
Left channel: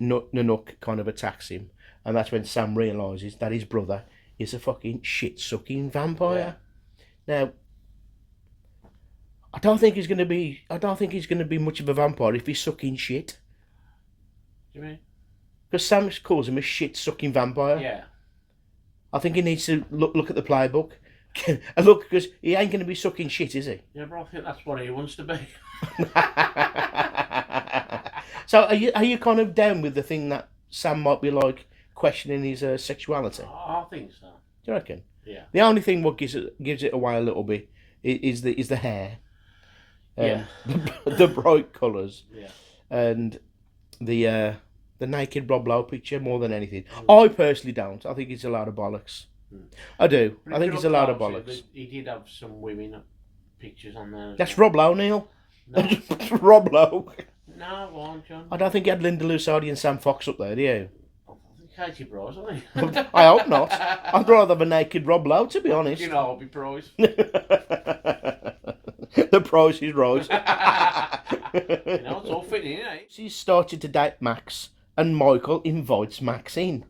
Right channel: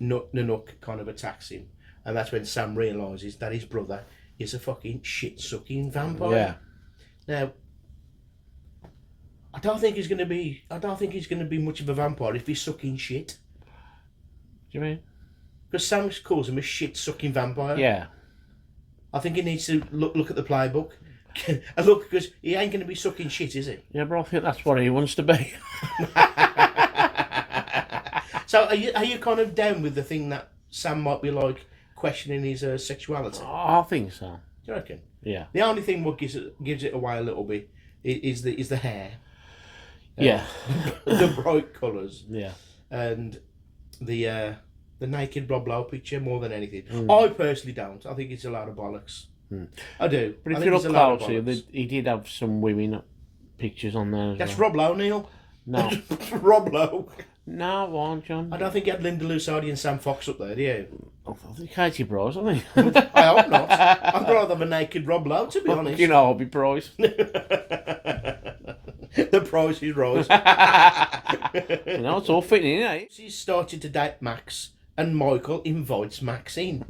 Nanook kind of attacks him. And that's when Sam realises that his brother is a fucking shit-sucking vampire. Yeah. Now, I don't think he's going to be much of a vampire if he's sucking shit. Do you mean? Because Sam calls him a shit-sucking vampire. Yeah. I think he needs to look at the playbook. And look, because he ain't going to be sucking shit, is he? Yeah, but I think that's what he wants to be. So are you kind of down with the thing that Sam might be like questioning his sexuality? I think so. Do you reckon? Yeah. The only thing what gives it away a little bit is the hair. Yeah. The bright colours. Yeah. And the naked Rob Lowe picture more than anything. I personally don't. I think it's a lot of bollocks. I do. But I if think you it's a look lot of closely, bollocks. he did have some women pictures on there. As That's well. Rob Lowe, Neil. No. Rob Lowe. No, won't, John. I don't think you had Linda Lusardi and Sam Fox up there, do you? I think Katie Bros, I think. I hope not. I'd rather have a naked Rob Lowe, to be honest. You know, I'll be prize. The price is right. You know, it's all fitting, isn't it? She's started to date Max, and Michael invites Max in.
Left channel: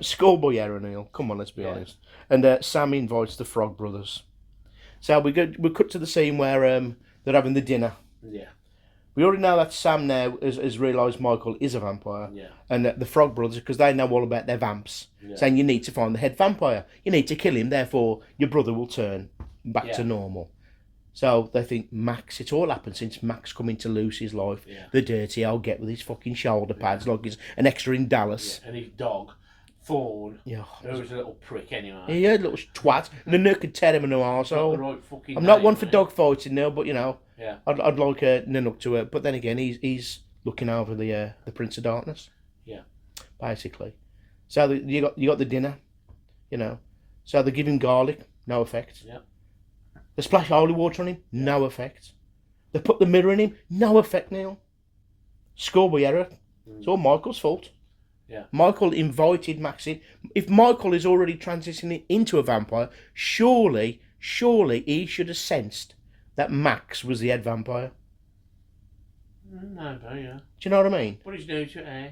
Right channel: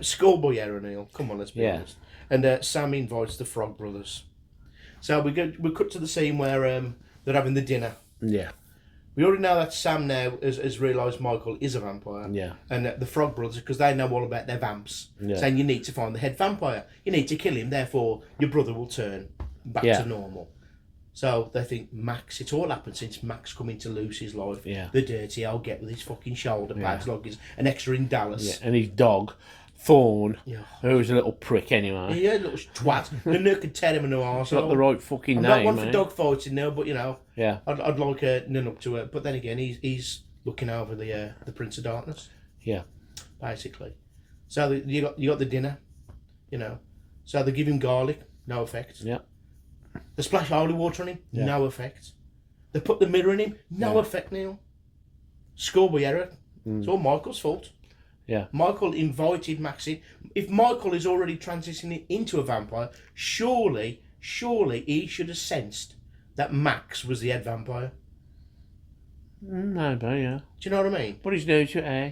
Schoolboy error, Neil. Come on, let's be Yeah. honest. And Sam invites the Frog Brothers. So we cut to the scene where they're having the dinner. Yeah. We already know that Sam now has realised Michael is a vampire. Yeah. And the Frog Brothers, because they know all about their vamps, saying you need to find the head vampire. You need to kill him, therefore your brother will turn back Yeah. to normal. So they think Max, it's all happened since Max come into Lucy's life. Yeah. The dirty old get with his fucking shoulder pads like he's an extra in Dallas. And his dog, Thorn, Yeah. who's a little prick anyway. Yeah, little twat. The Nook could tear him in the Got the arsehole. right fucking I'm name, not one for mate. dog fighting now, but you know, Yeah. I'd like Nanook to but then again, he's looking over the Prince of Darkness, Yeah. basically. So you got the dinner, you know. So they give him garlic, no effect. Yeah. They splash holy water on him, Yeah. no effect. They put the mirror in him, no effect, Neil. Schoolboy error. It's all Michael's fault. Yeah. Michael invited Max in. If Michael is already transitioning into a vampire, surely he should have sensed that Max was the head vampire. Maybe, yeah. Do you know what I mean? But he's new to it, eh?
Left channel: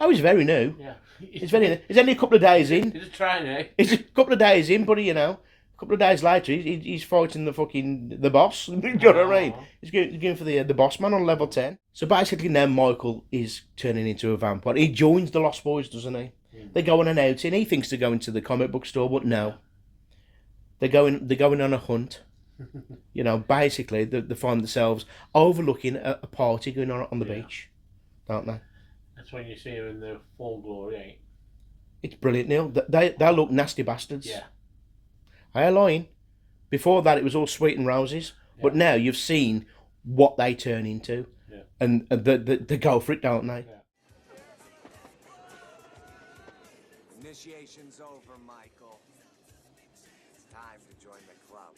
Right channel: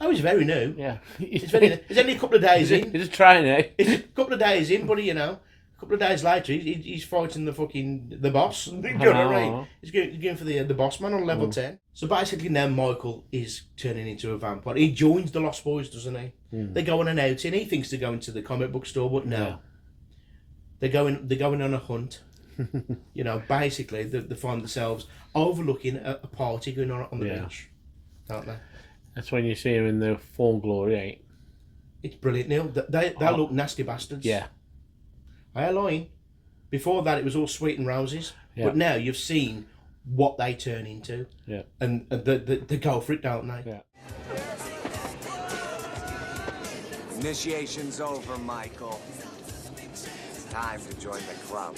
Oh, he's very new. Yeah. He's very new. He's only a couple of days in. He's a trainee. He's a couple of days in, but you know, couple of days later, he's fighting the boss. Do you know what I mean? He's going for the boss man on level 10. So basically now Michael is turning into a vampire. He joins the Lost Boys, doesn't he? They go on an outing. He thinks they're going to the comic book store, but no. They're going on a hunt. You know, basically they find themselves overlooking a party going on the beach, don't they? That's when you see him in the full glory, eh? It's brilliant, Neil. They look nasty bastards. Yeah. I ain't lying. Before that, it was all sweet and roses. Yeah. But now you've seen what they turn into. Yeah. And they go for it, don't they? Yeah. Initiation's over, Michael. It's time to join the club.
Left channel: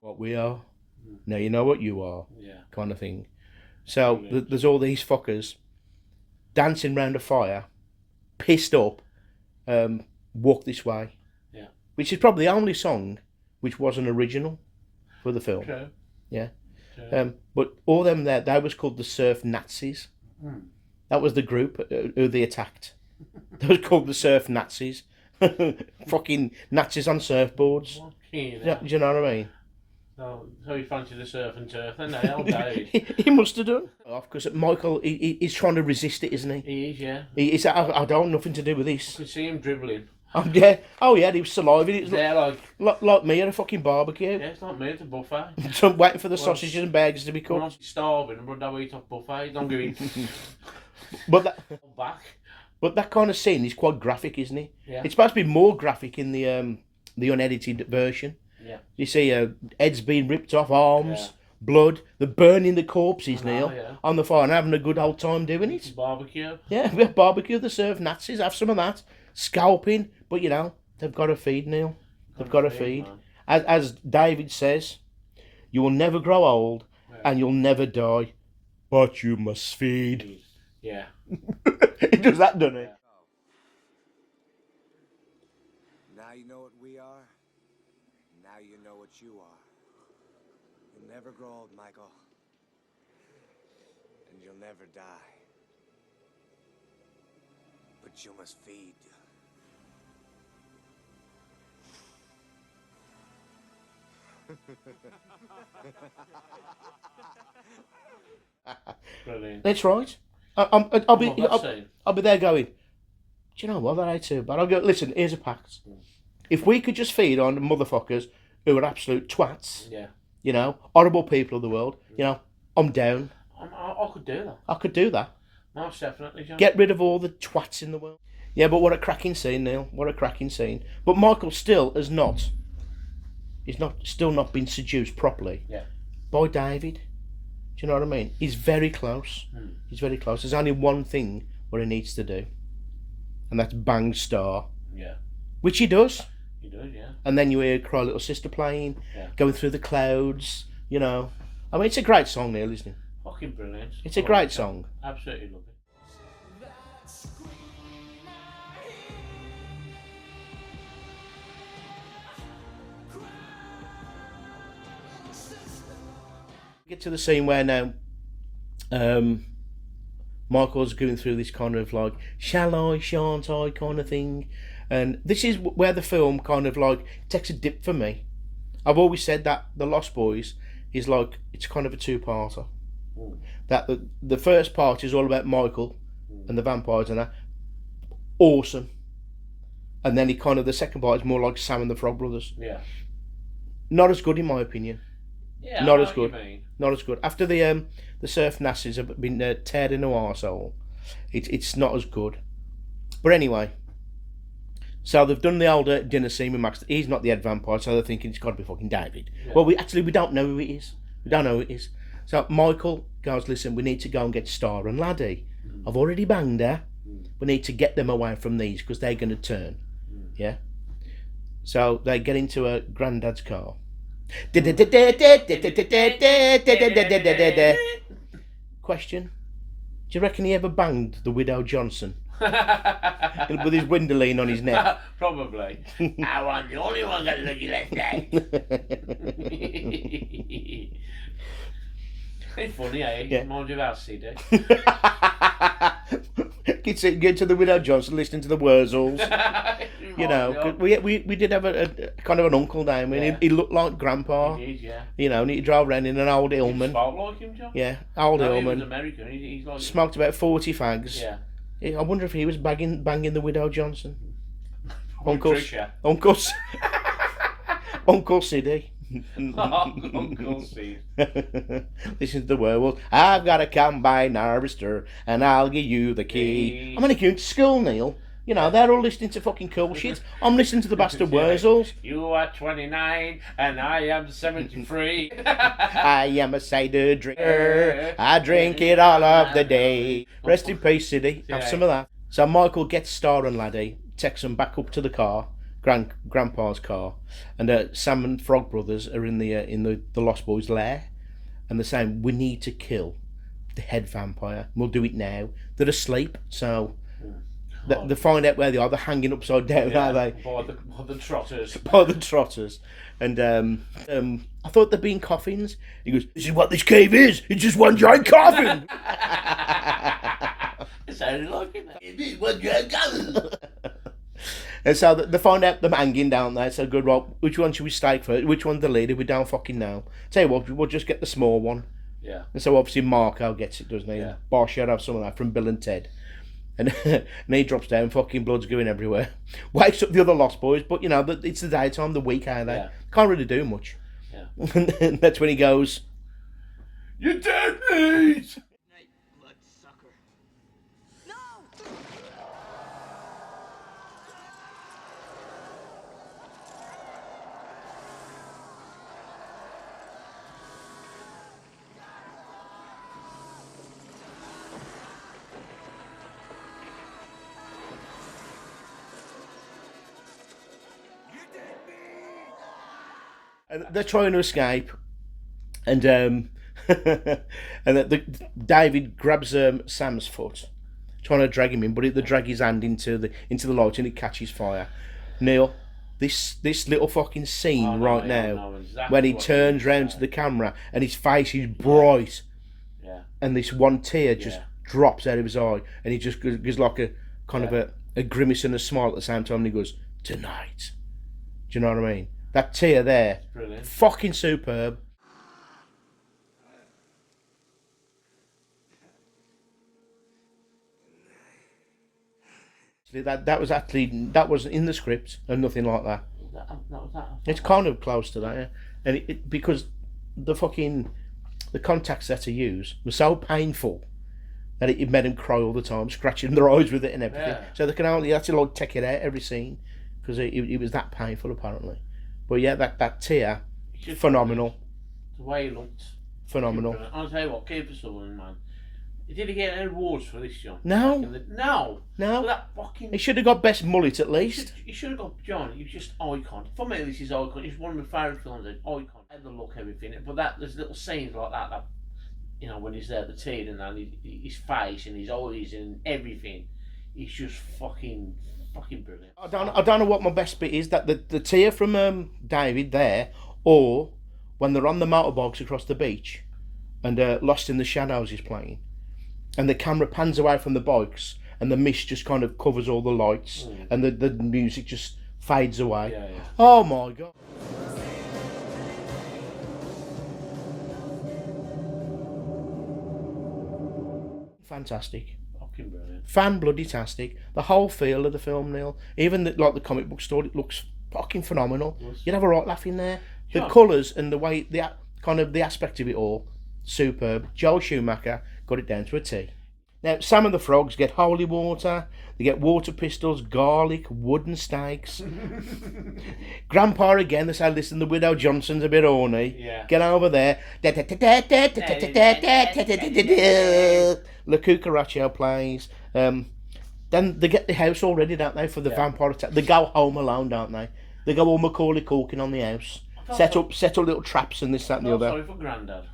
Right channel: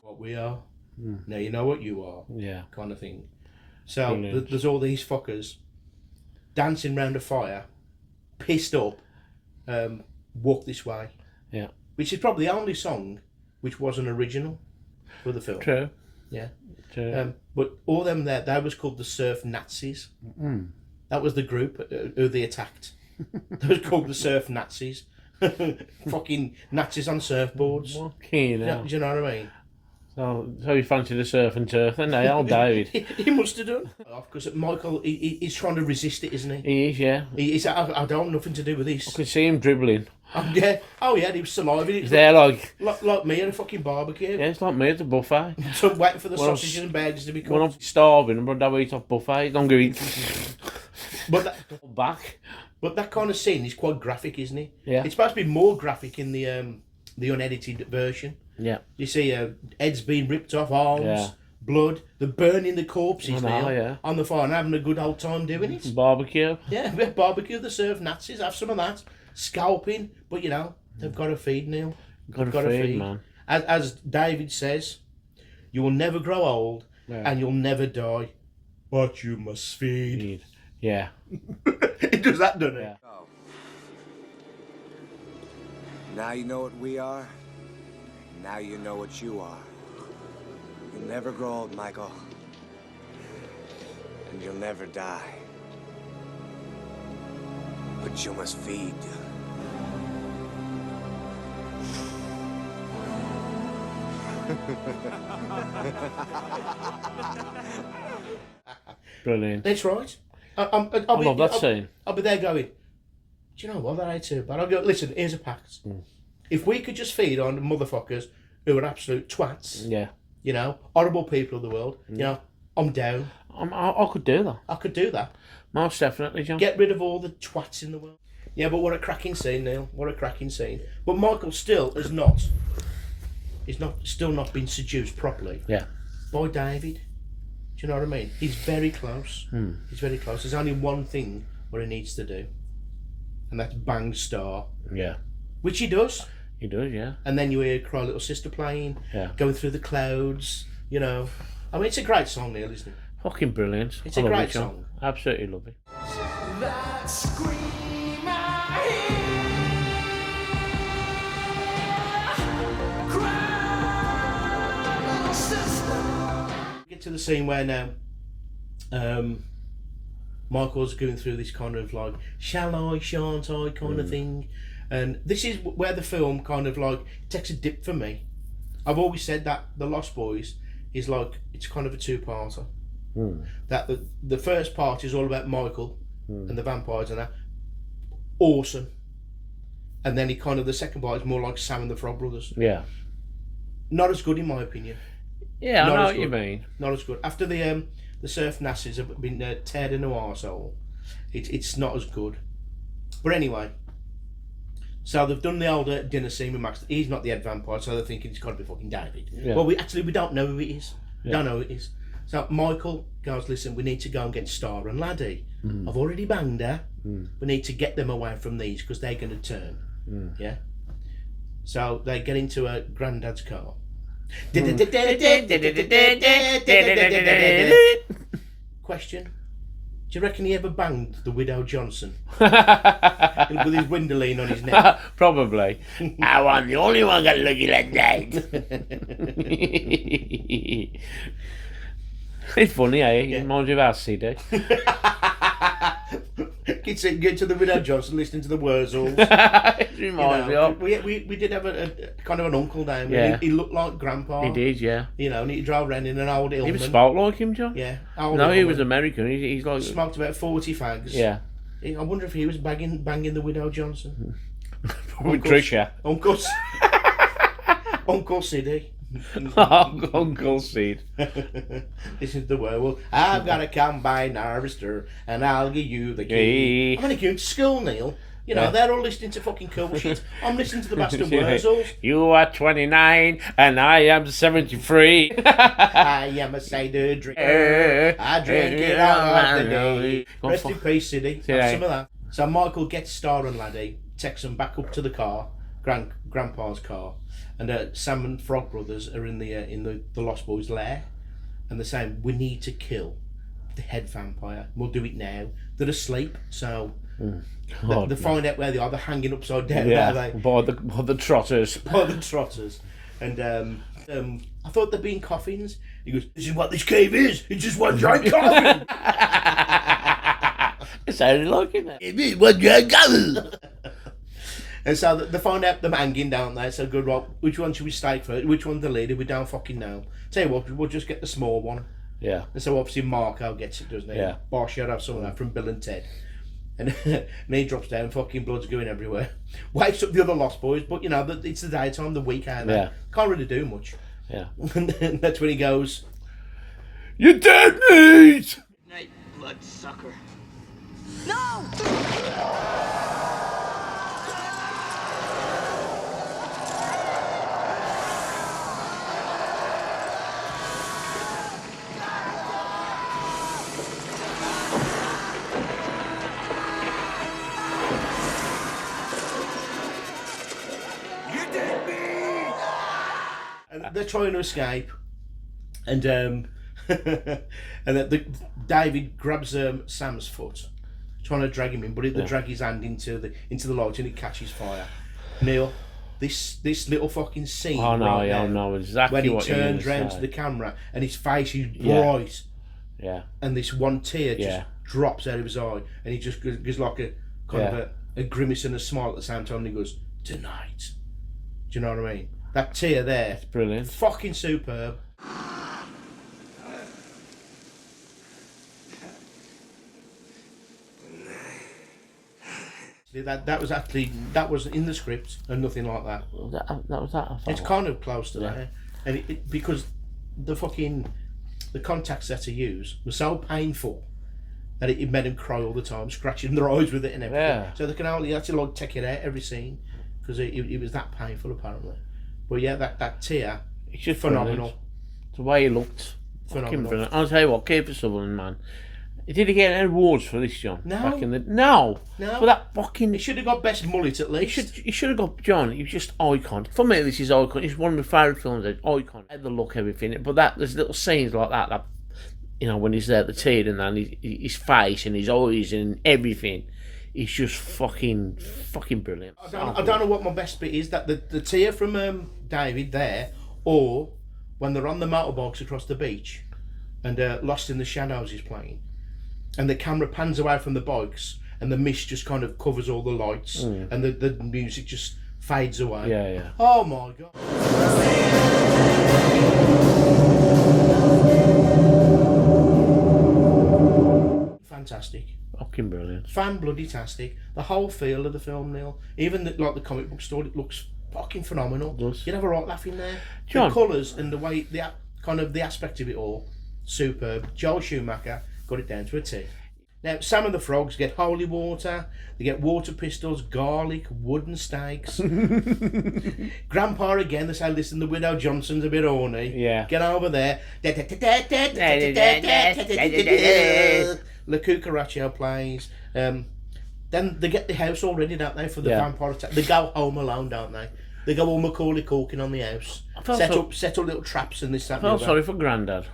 What we are, now you know what you are, kind of thing. So there's all these fuckers dancing round a fire, pissed up, walk this way. Yeah. Which is probably the only song which wasn't original for the film. True. Yeah. True. But all them there, they was called the Surf Nazis. That was the group who they attacked. They was called the Surf Nazis. Fucking Nazis on surfboards. Do you know what I mean? So you fancy the surf and turf, then they all died. He must have done. Because Michael, he's trying to resist it, isn't he? He is, yeah. He's I don't want nothing to do with this. I can see him dribbling. Yeah. Oh yeah, he was saliving. He's there like me at a fucking barbecue. Yeah, it's like me at the buffet. So I'm waiting for the sausages and burgers to be cooked. When I'm starving, I'm going to eat off buffet. Don't go eat. But back. But that kind of scene is quite graphic, isn't it? Yeah. It's supposed to be more graphic in the unedited version. Yeah. You see heads being ripped off, arms, blood, they're burning the corpses on the fire and having a good old time doing it. Barbecue. Yeah, we have barbecue, the surf Nazis, have some of that. Scalping, but you know, they've got to feed, Neil. They've got to feed. Man. As David says, you will never grow old and you'll never die, but you must feed. Yeah. It does that, doesn't it? Oh. Now you know what we are. Now you know what you are. You'll never grow old, Michael. And you'll never die. But you must feed. Brilliant. That's right. I'll be there going, do you know what, that ain't too bad. I'll go, listen, here's a pact. If we could just feed on motherfuckers who are absolute twats, you know, horrible people of the world, you know, I'm down. I could do that. I could do that. Most definitely, John. Get rid of all the twats in the world. Yeah, but what a cracking scene, Neil. What a cracking scene. But Michael still has not. He's still not been seduced properly. Yeah. By David. Do you know what I mean? He's very close. He's very close. There's only one thing what he needs to do, and that's bang Star. Yeah. Which he does. He does, yeah. And then you hear Cry Little Sister playing, going through the clouds. You know, I mean, it's a great song, Neil, isn't it? Fucking brilliant. It's a great song. Absolutely love it. That scream I hear, cry, little sister. Get to the scene where now Michael's going through this kind of like shall I, shan't I kind of thing, and this is where the film kind of like takes a dip for me. I've always said that The Lost Boys is like, it's kind of a two-parter. That the first part is all about Michael and the vampires and that, awesome, and then the second part is more like Sam and the Frog Brothers. Yeah. Not as good in my opinion. Yeah, not I know as what good. you mean. Not as good. After the Surf Nazis have been teared in the arsehole, it's not as good. But anyway, so they've done the older dinner scene with Max. He's not the head vampire, so they're thinking it's got to be fucking David. Yeah. Well, we don't know who it is. Don't know who it is. So Michael goes, listen, we need to go and get Star and Laddie. I've already banged her. We need to get them away from these because they're going to turn. Yeah. So they get into a granddad's car. Question: Do you reckon he ever banged the widow Johnson? With his windowline on his neck? Probably. I want the only one got looking like that. It's funny, eh? Yeah. Reminds you of our CD. Get to the widow Johnson listening to the Wurzels. You know, we did have a kind of an uncle down there. Yeah. He looked like Grandpa. he did, yeah. You know, and he drove around in an old He was Hillman. spoke like him, John. Yeah, old No, he Hillman. was American. He's like... Smoked about 40 fags. Yeah. I wonder if he was banging the widow Johnson. Uncle Trisha. Uncle Siddy. Uncle Seed. Listen to the werewolf. I've got a combine harvester and I'll give you the key. Key. I'm only going to school, Neil. You know, they're all listening to fucking cool shit. I'm listening to the bastard Wurzels. You are 29 and I am 73. I am a cider drinker. I drink it all of the day. Rest in peace, Siddy. Have some of that. So Michael gets Star and Laddie, takes them back up to the car, Grandpa's car, and Sam and Frog Brothers are in the Lost Boys' lair, and they're saying, we need to kill the head vampire. We'll do it now. They're asleep, so they find out where they are. They're hanging upside down, Yeah, are they? by the trotters. By the trotters. And I thought they'd been coffins. He goes, this is what this cave is. It's just one giant coffin. It sounded like it. It is one giant coffin. And so they find out them hanging down there. So good, well, which one should we stake first? Which one's the leader? We don't fucking know. Tell you what, we'll just get the small one. Yeah. And so obviously Marco gets it, doesn't he? Yeah. Bosh, you'd have some of that from Bill and Ted. And he drops down, fucking blood's going everywhere. Wakes up the other Lost Boys, but you know, it's the daytime, the week out there. Yeah. Can't really do much. Yeah. And then that's when he goes, You're dead meat! Night, bloodsucker. No! and they're trying to escape, and David grabs Sam's foot, trying to drag him in, but they drag his hand into the lodge and it catches fire. Neil, this little fucking scene I now, know exactly when he what you turns mean to round say. to the camera and his face is bright, Yeah. and this one tear just Yeah. drops out of his eye, and he just gives like a kind of a grimace and a smile at the same time, and he goes, tonight. Do you know what I mean? That tear there, Brilliant. fucking superb. That was in the script and nothing like that. That was that. I thought. It's kind of close to that, yeah. And it because the contacts that he used was so painful that it made him cry all the time, scratching their eyes with it and everything. Yeah. So they can only have to like take it out every scene because it was that painful apparently. But yeah, that tear, It's just phenomenal. brilliant. The way he looked. Phenomenal. Brilliant. I'll tell you what, Kiefer Sutherland, man. Did he get any awards for this, John? No. Back in the... No. No. For that fucking... He should have got best mullet at least. He should have got John. He was just icon. For me, this is icon. It's one of my favourite films. Icon. The look, everything. But there's little scenes like that. You know, when he's there at the tear and then his face and his eyes and everything. It's just fucking brilliant. I don't know what my best bit is. That the tear from David there, or when they're on the motorbikes across the beach, and Lost in the Shadows is playing, and the camera pans away from the bikes, and the mist just kind of covers all the lights, and the music just fades away. Yeah, yeah. Oh my god. Fantastic. Fucking brilliant. Fan-bloody-tastic. The whole feel of the film, Neil. Even the comic book story, it looks fucking phenomenal. does. You'd have a right laugh in there. John. The colours and the way, the aspect of it all, superb. Joel Schumacher got it down to a T. Now, Sam and the Frogs get holy water, they get water pistols, garlic, wooden stakes. Grandpa again, they say, listen, the Widow Johnson's a bit horny. Yeah. Get over there. La Cucaracha plays. Then they get the house all ready, don't they, for the vampire attack. They go home alone, don't they? They go all Macaulay Culkin on the house. Set up little traps and this, that, and the I'm other. sorry for Grandad.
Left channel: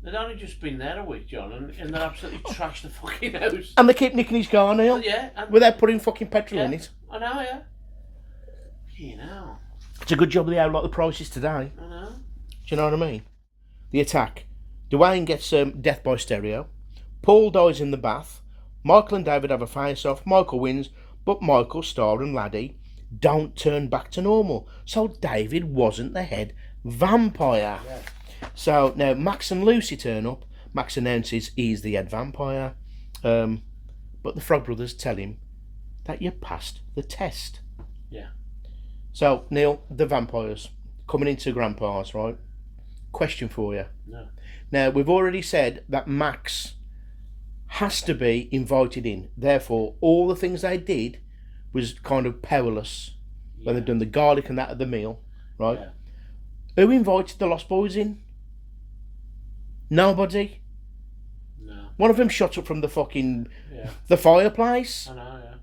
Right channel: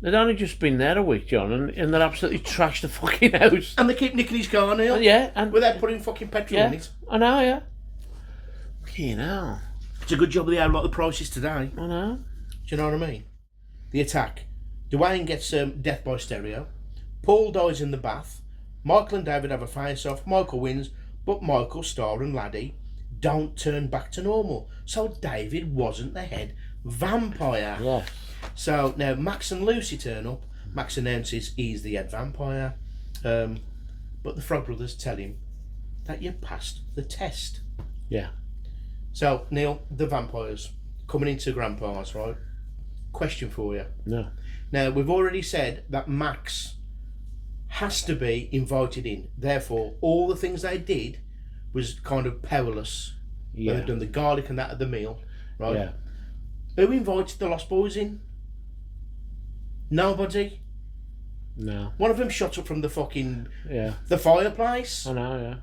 They'd only just been there a week, John, and they're absolutely trashed the fucking house. And they keep nicking his car, Neil. Yeah, and Without putting fucking petrol in yeah, it. I know, yeah. Fucking hell. It's a good job they have like the prices today. I know. Do you know what I mean? The attack. Dwayne gets death by stereo. Paul dies in the bath. Michael and David have a face-off. Michael wins, but Michael, Star and Laddie don't turn back to normal. So David wasn't the head vampire. Yeah. So now Max and Lucy turn up. Max announces he's the head vampire. But the Frog Brothers tell him that you passed the test. Yeah. So, Neil, the vampires coming into Grandpa's, right? Question for you. No. Now, we've already said that Max has to be invited in. Therefore, all the things they did was kind of powerless. Yeah. They've done the garlic and that at the meal, right? Yeah. Who invited the Lost Boys in? Nobody. No. One of them shot up from the fucking Yeah. the fireplace. I know, yeah.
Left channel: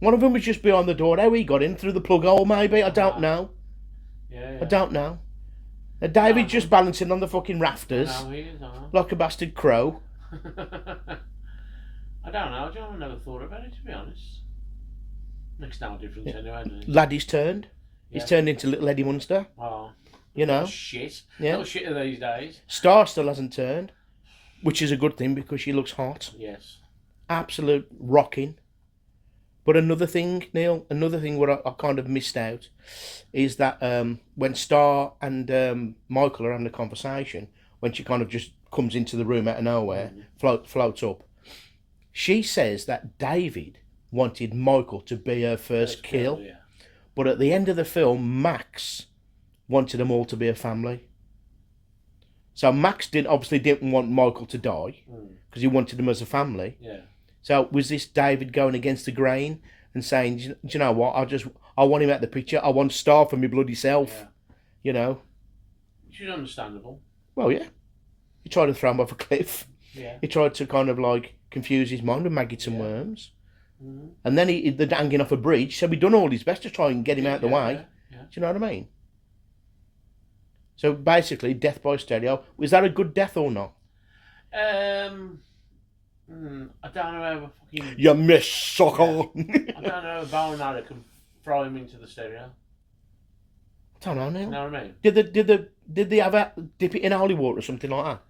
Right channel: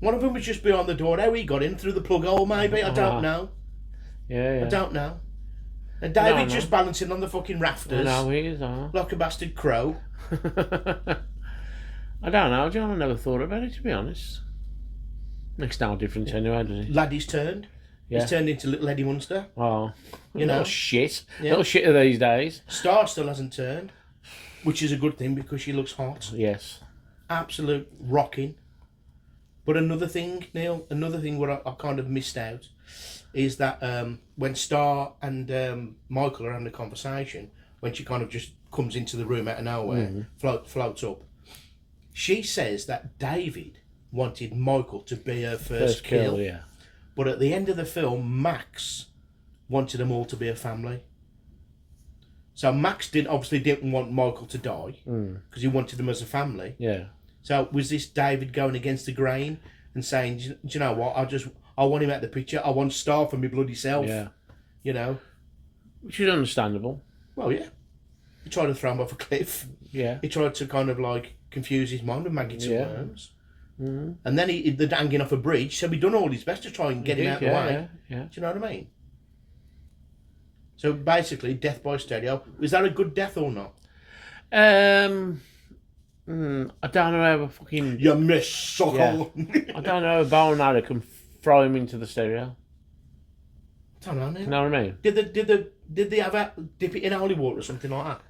One of them was just behind the door. How he got in through the plug hole, maybe. I don't know. Yeah, yeah. I don't know. And David No. just balancing on the fucking I rafters know, he is, I know. like a bastard crow. I don't know, John. I never thought about it, to be honest. Makes no difference anyway, does it? Laddie's turned. Yeah. He's turned into little Eddie Munster. Oh. You know. Little shit. Yeah. Little shit of these days. Star still hasn't turned, which is a good thing because she looks hot. Yes. Absolute rocking. But another thing, Neil, what I kind of missed out is that when Star and Michael are having a conversation, when she kind of just comes into the room out of nowhere, floats up, she says that David wanted Michael to be her first kill. Yeah. But at the end of the film, Max wanted them all to be a family. So Max obviously didn't want Michael to die because he wanted them as a family. Yeah. So was this David going against the grain and saying, do you know what, I want him out of the picture. I want Star for me bloody self. Yeah. You know? Which is understandable. Well, yeah. He tried to throw him off a cliff. Yeah. He tried to kind of like confuse his mind with maggots and Yeah. worms. Mm-hmm. And then they're hanging off a bridge, so he done all his best to try and get him out of the way. Yeah. Do you know what I mean? So basically, death by stereo. Was that a good death or not? I don't know how a fucking... You miss suckle. I don't know how a bow and arrow can throw him into the stereo. I don't know, Neil. You know what I mean? Did they ever dip it in holy water or something like that?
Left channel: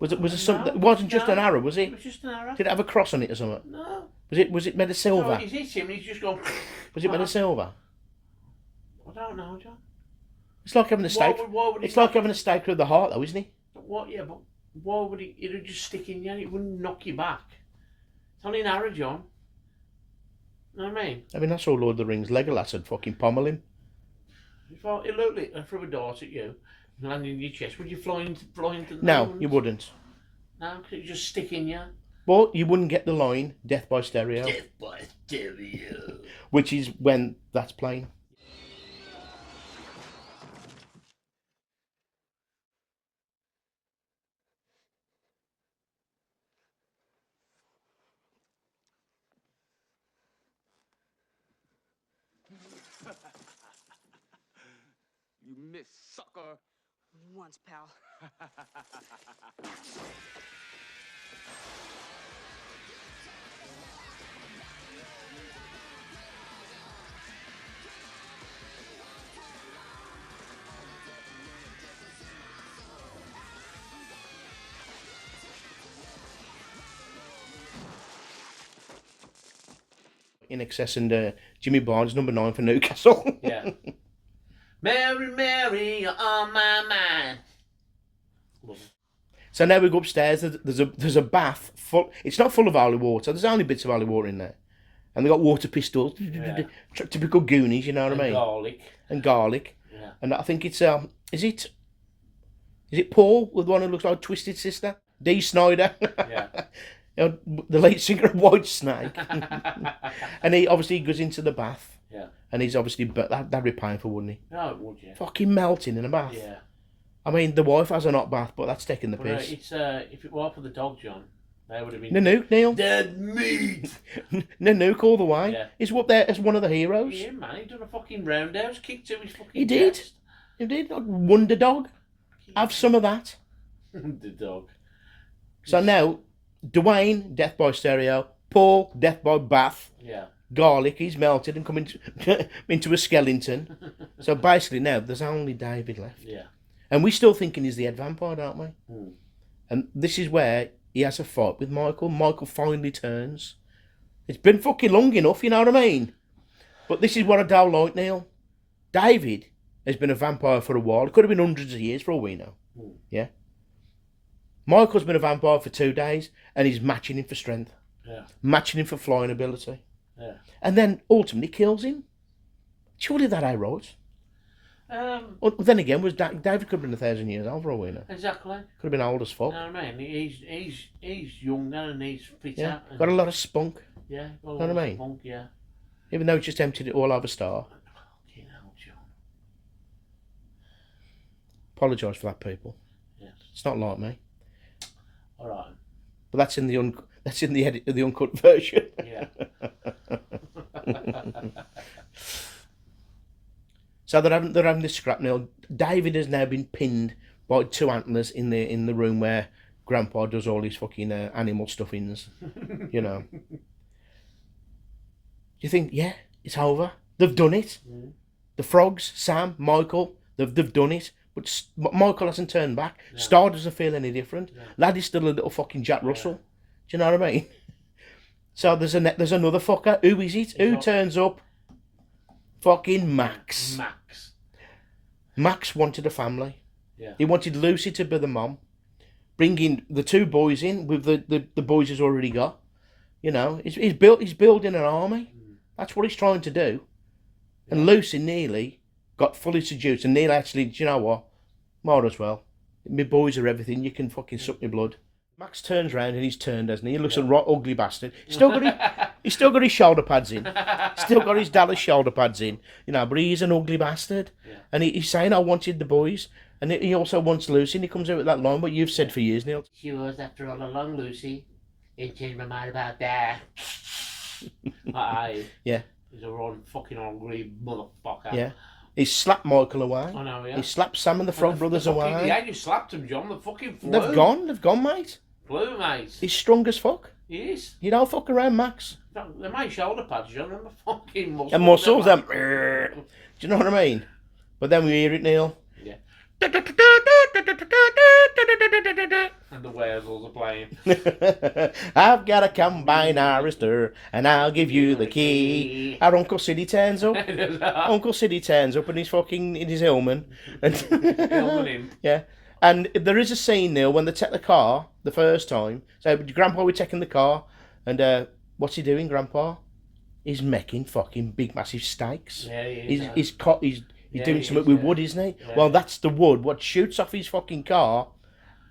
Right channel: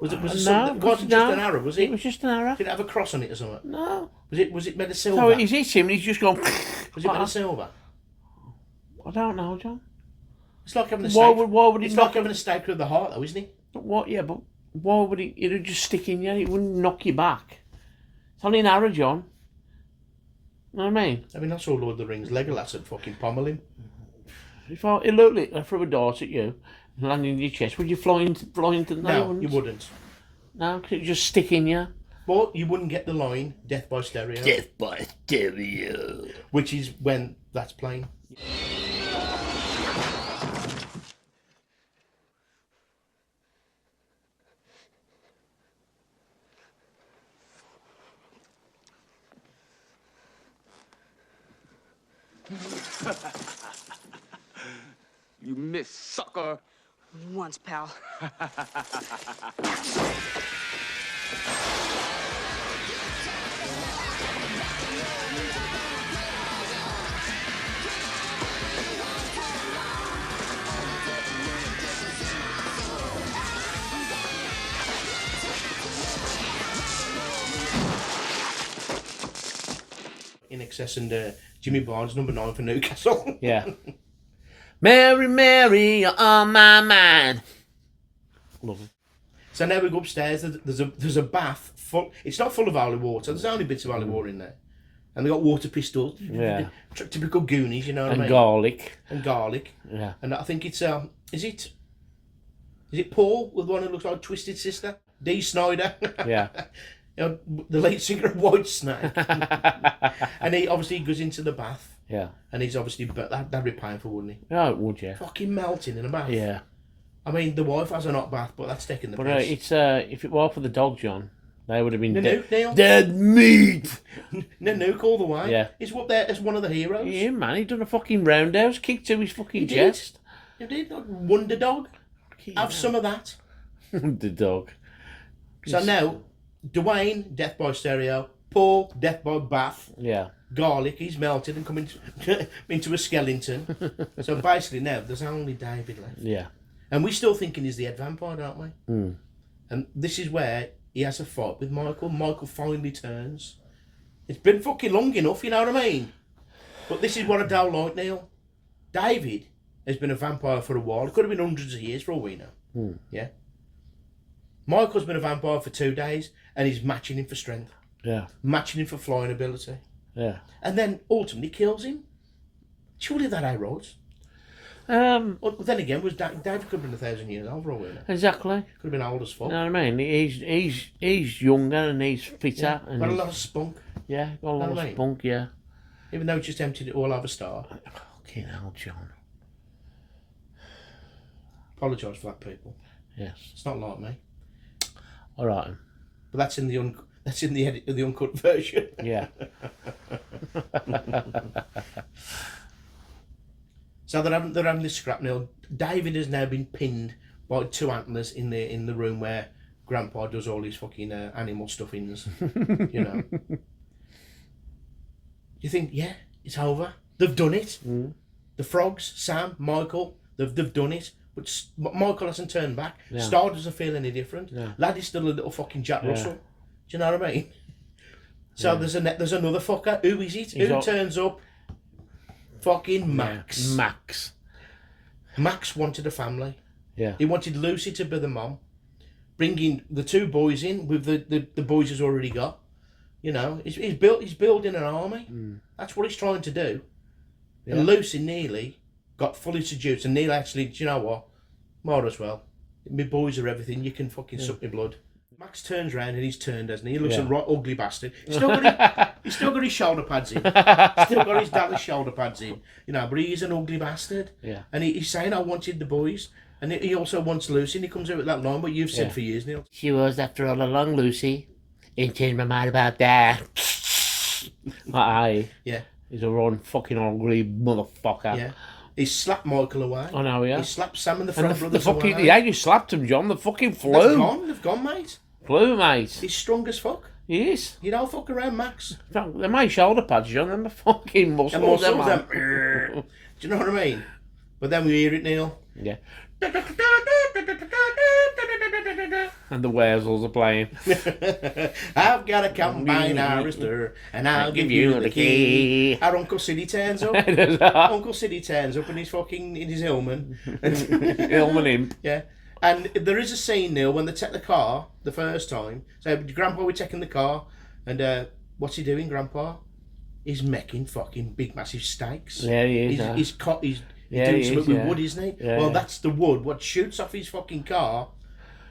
Was it No, something? It wasn't just no. an arrow, was It it? was just an arrow. Did it have a cross on it or something? No. Was it made of silver? So he's hit him and he's just gone... Was it made of silver? I don't know, John. It's like having a Why steak. would it It's not... like having a steak with the heart, though, isn't it? What? Yeah, but why would it? It'd just stick in you. It wouldn't knock you back. It's only an arrow, John. You know what I mean? I mean, that's all Lord of the Rings. Legolas had fucking pommel him. If I look, I threw a dart at you and land in your chest, would you fly into the... No, you wouldn't. No, because it'd just stick in you. Well, you wouldn't get the line "Death by Stereo," Death by stereo. which is when that's playing. You miss, sucker. Once, pal. In excess and Jimmy Barnes, number 9 for Newcastle. Yeah. Mary, Mary, you're on my mind. Love it. So now we go upstairs. There's a bath full. It's not full of holy water. There's only bits of holy water in there, and they got water pistols. Yeah. Typical Goonies, you know what And I mean? garlic. And garlic. Yeah. And I think it's is it Paul with the one who looks like Twisted Sister? Dee Snyder. Yeah. You know, the lead singer of Whitesnake. And he obviously goes into the bath, Yeah. and he's obviously, but that'd be painful, wouldn't he? Oh, it would, yeah. Fucking melting in a bath. Yeah. I mean, the wife has a hot bath, but that's taking the But piss. it's if it weren't for the dog, John, they would have been Nanook, Neil. dead meat. Nanook all the way. Yeah. He's up there as one of the heroes. Yeah, man, he done a fucking roundhouse kick to his fucking He did. chest. He did. Wonder Dog. Have some of that. The dog. So now, Dwayne, death by stereo. Paul, death by bath. Yeah. Garlic, he's melted and coming into a skeleton. So basically now, there's only David left. Yeah. And we're still thinking he's the head vampire, aren't we? Mm. And this is where he has a fight with Michael. Michael finally turns. It's been fucking long enough, you know what I mean? But this is what I don't like, Neil. David has been a vampire for a while. It could have been hundreds of years for all we know. Mm. Yeah? Michael's been a vampire for 2 days, and he's matching him for strength. Yeah. Matching him for flying ability. Yeah. And then ultimately kills him. Surely that ain't right. Well, then again, David could have been 1,000 years old for all we know. Exactly. Could have been old as fuck. You know what I mean? He's younger and he's fitter. Yeah. And Got a lot of spunk. Yeah, got a Know lot what I of mean? spunk, yeah. Even though he just emptied it all over Star. Fucking hell, John. Apologise for that, people. Yes. It's not like me. All right. But that's in the edit of the uncut version. Yeah. So they're having this scrap now. David has now been pinned by 2 antlers in the room where Grandpa does all his fucking animal stuffings. You know. You think, yeah, it's over. They've done it. Mm. The frogs, Sam, Michael, they've done it. But Michael hasn't turned back. Yeah. Star doesn't feel any different. Yeah. Laddie's still a little fucking Jack Yeah. Russell. Do you know what I mean? So there's another fucker. Who is it? Who turns up? Fucking Max. Max. Max wanted a family. Yeah. He wanted Lucy to be the mom. Bringing the 2 boys in with the boys he's already got. You know, he's building an army. Mm. That's what he's trying to do. Yeah. And Lucy nearly got fully seduced, and Neil actually, do you know what? Might as well. My boys are everything. You can fucking suck my blood. Max turns round and he's turned, hasn't he? He looks a right ugly bastard. He's still got his shoulder pads in. Still got his Dallas shoulder pads in. You know, but he's an ugly bastard. Yeah. And he's saying, I wanted the boys. And he also wants Lucy, and he comes out with that line, what you've said for years, Neil. She was, after all along, Lucy. Ain't changed my mind about that. Yeah. He's a wrong fucking ugly motherfucker. Yeah. He slapped Michael away. I know, yeah. He slapped Sam and the front brothers away. Yeah, you slapped him, John. The fucking flew. They've gone, mate. Flew, mate. He's strong as fuck. He is. You don't fuck around, Max. They're my shoulder pads, John. They're my fucking muscles. And muscles, them. do you know what I mean? But then we hear it, Neil. Yeah. And the Weasels are playing. I've got a combine harvester, and I'll give you the key. Our Uncle Siddy turns up. Uncle Siddy turns up in his helmet. Helmet him. Yeah. And there is a scene, Neil, when they take the car the first time. So Grandpa, we're taking the car, and what's he doing, Grandpa? He's making fucking big, massive steaks. Yeah, he is. He's doing he something is, with yeah. wood, isn't he? Yeah, well, yeah. that's the wood. What shoots off his fucking car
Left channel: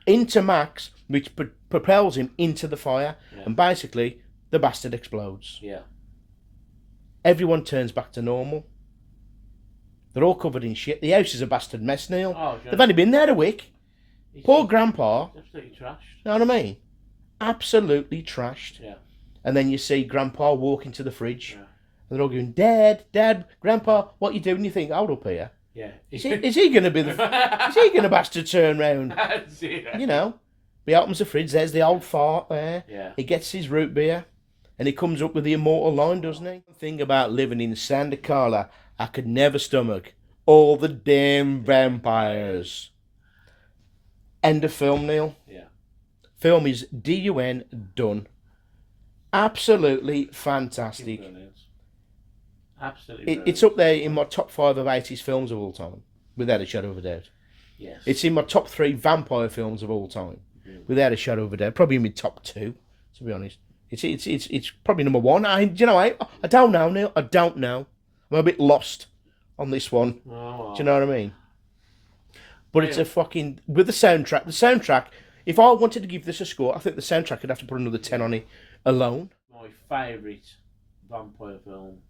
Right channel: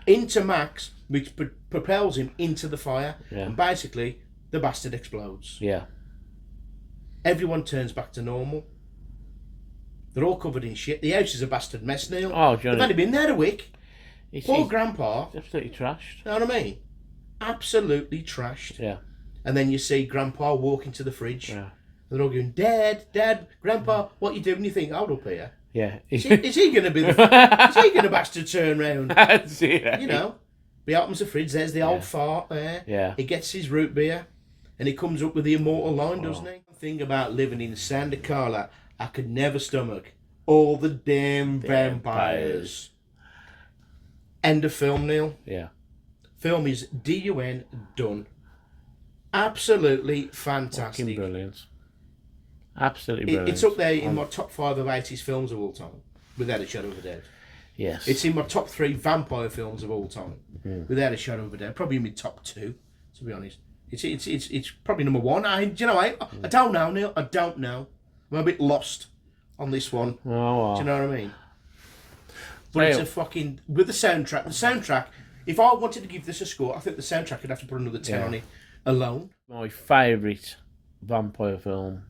into Max, which propels him into the fire, Yeah. and basically the bastard explodes. Yeah. Everyone turns back to normal. They're all covered in shit. The house is a bastard mess, Neil. Oh, Johnny. They've only been there a week. Poor Grandpa. Absolutely trashed. You know what I mean? Absolutely trashed. Yeah. And then you see Grandpa walk into the fridge. Yeah. And they're all going, Dad, Grandpa, what you doing? You think, hold up here. Yeah. Is he going to be the... is he going to bastard turn round? You know? He opens the fridge, there's the old fart there. Yeah. He gets his root beer. And he comes up with the immortal line, doesn't he? The thing about living in Santa Carla, I could never stomach all the damn vampires. End of film, Neil. Yeah. Film is DUN done. Absolutely Fucking fantastic. brilliant. Absolutely brilliant. It's up there in my top 5 of 80s films of all time, without a shadow of a doubt. Yes. It's in my top 3 vampire films of all time, without a shadow of a doubt. Probably in my top 2, to be honest. It's probably number 1. I don't know, Neil. I don't know. I'm a bit lost on this one. Oh, wow. Do you know what I mean? But it's a fucking... With the soundtrack, if I wanted to give this a score, I think the soundtrack would have to put another 10 on it alone. My favourite vampire film,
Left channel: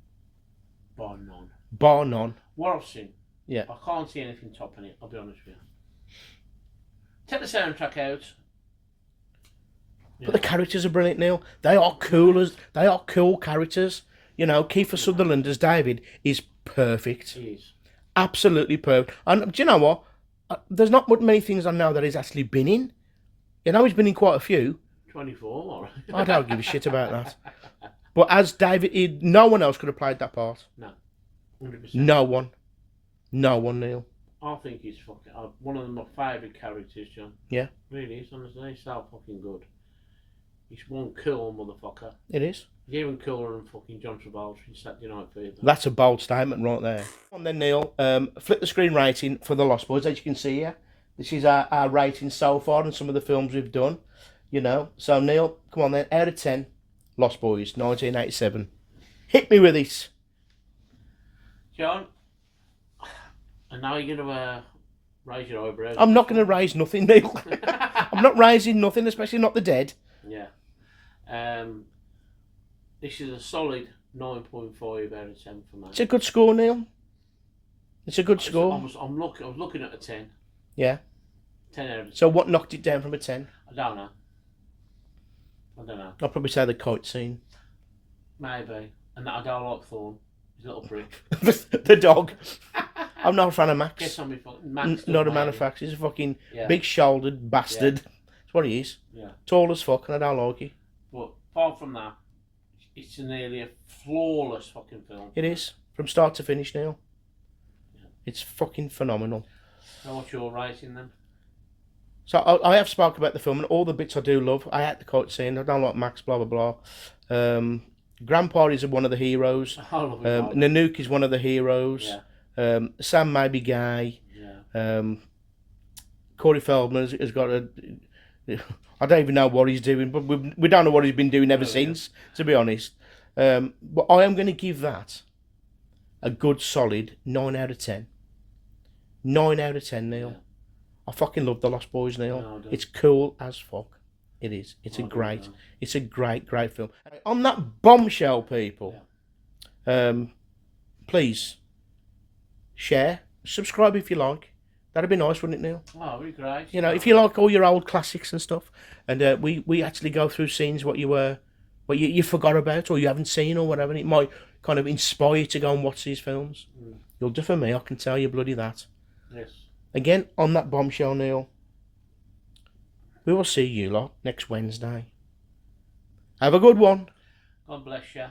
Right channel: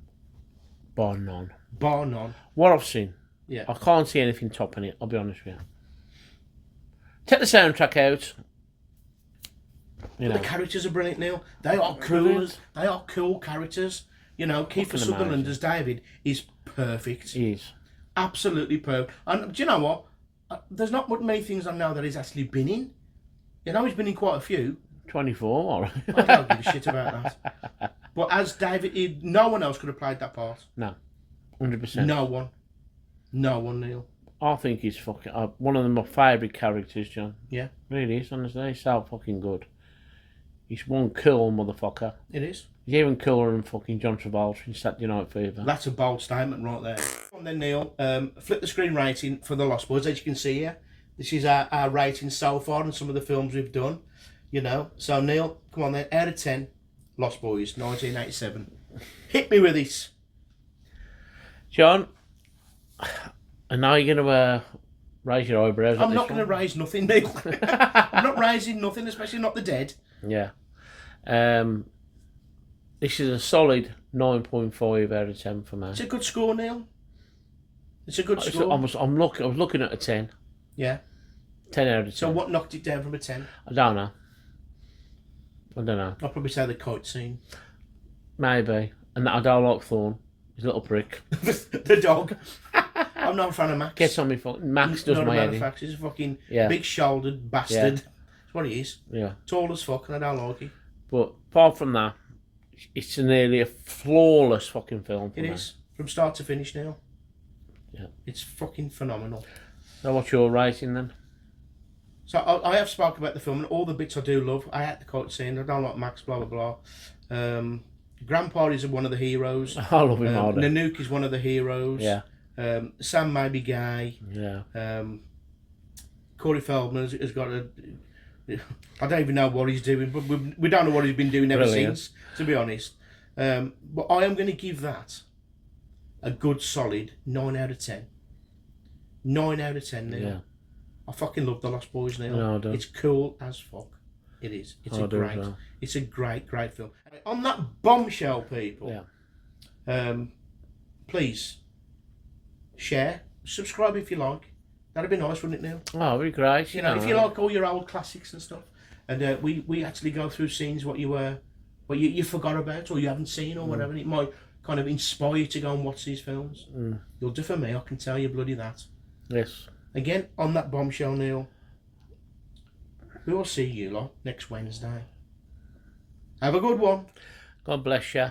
bar none. Bar none. What I've seen. Yeah. I can't see anything topping it, I'll be honest with you. Take the soundtrack out. But the characters are brilliant, Neil. They are cool characters. You know, Kiefer Sutherland as David is perfect. He is. Absolutely perfect. And do you know what? There's not many things I know that he's actually been in. You know, he's been in quite a few. 24. I don't give a shit about that. But as David, no one else could have played that part. No, 100%. No one, Neil. I think he's fucking one of my favourite characters, John. Yeah, Really is, honestly. He's so fucking good. He's one cool motherfucker. it is. He's even cooler than fucking John Travolta in Saturday Night Fever. That's a bold statement right there. And then Neil, flip the screen rating for The Lost Boys. As you can see here, this is our rating so far and some of the films we've done. You know, so Neil, come on then, out of 10, Lost Boys, 1987. Hit me with it. John, I know you're going to raise your eyebrows. I'm not going to raise nothing, Neil. I'm not raising nothing, especially not the dead. Yeah. This is a solid 9.5 out of 10 for me. It's a good score, Neil. It's a good score. I was looking at a 10. Yeah. 10 out of 10. So what knocked it down from a 10? I don't know. I'll probably say the kite scene. Maybe. And I don't like Thorn. He's a little prick. The dog. I'm not a fan of Max. Gets on me fucking... Max does not my a fan head of in. Max. He's a fucking Yeah. big-shouldered bastard. That's what he is. Yeah. Tall as fuck, and I don't like it. But apart from that, it's nearly a flawless fucking film. It is. From start to finish, Neil. Yeah. It's fucking phenomenal. Now what's your rating then? So I have spoken about the film and all the bits I do love. I hate the kite scene. I don't like Max, blah, blah, blah. Grandpa is one of the heroes. I love him. Nanook is one of the heroes. Yeah. Sam may be gay. Yeah. Corey Feldman has got a... I don't even know what he's doing, but we don't know what he's been doing ever Brilliant. since, to be honest. But I am going to give that a good solid 9 out of 10. 9 out of 10, Neil. Yeah. I fucking love The Lost Boys, Neil. No, I don't. It's cool as fuck. It is. It's I a do great, as well. it's a great film. On that bombshell, people, please share, subscribe if you like. That'd be nice, wouldn't it, Neil? Oh, it'd be great. You know, if you like all your old classics and stuff, and we actually go through scenes what you forgot about or you haven't seen or whatever, and it might kind of inspire you to go and watch these films. You'll do for me, I can tell you bloody that. Yes. Again, on that bombshell, Neil, we will see you lot next Wednesday. Have a good one. God bless you.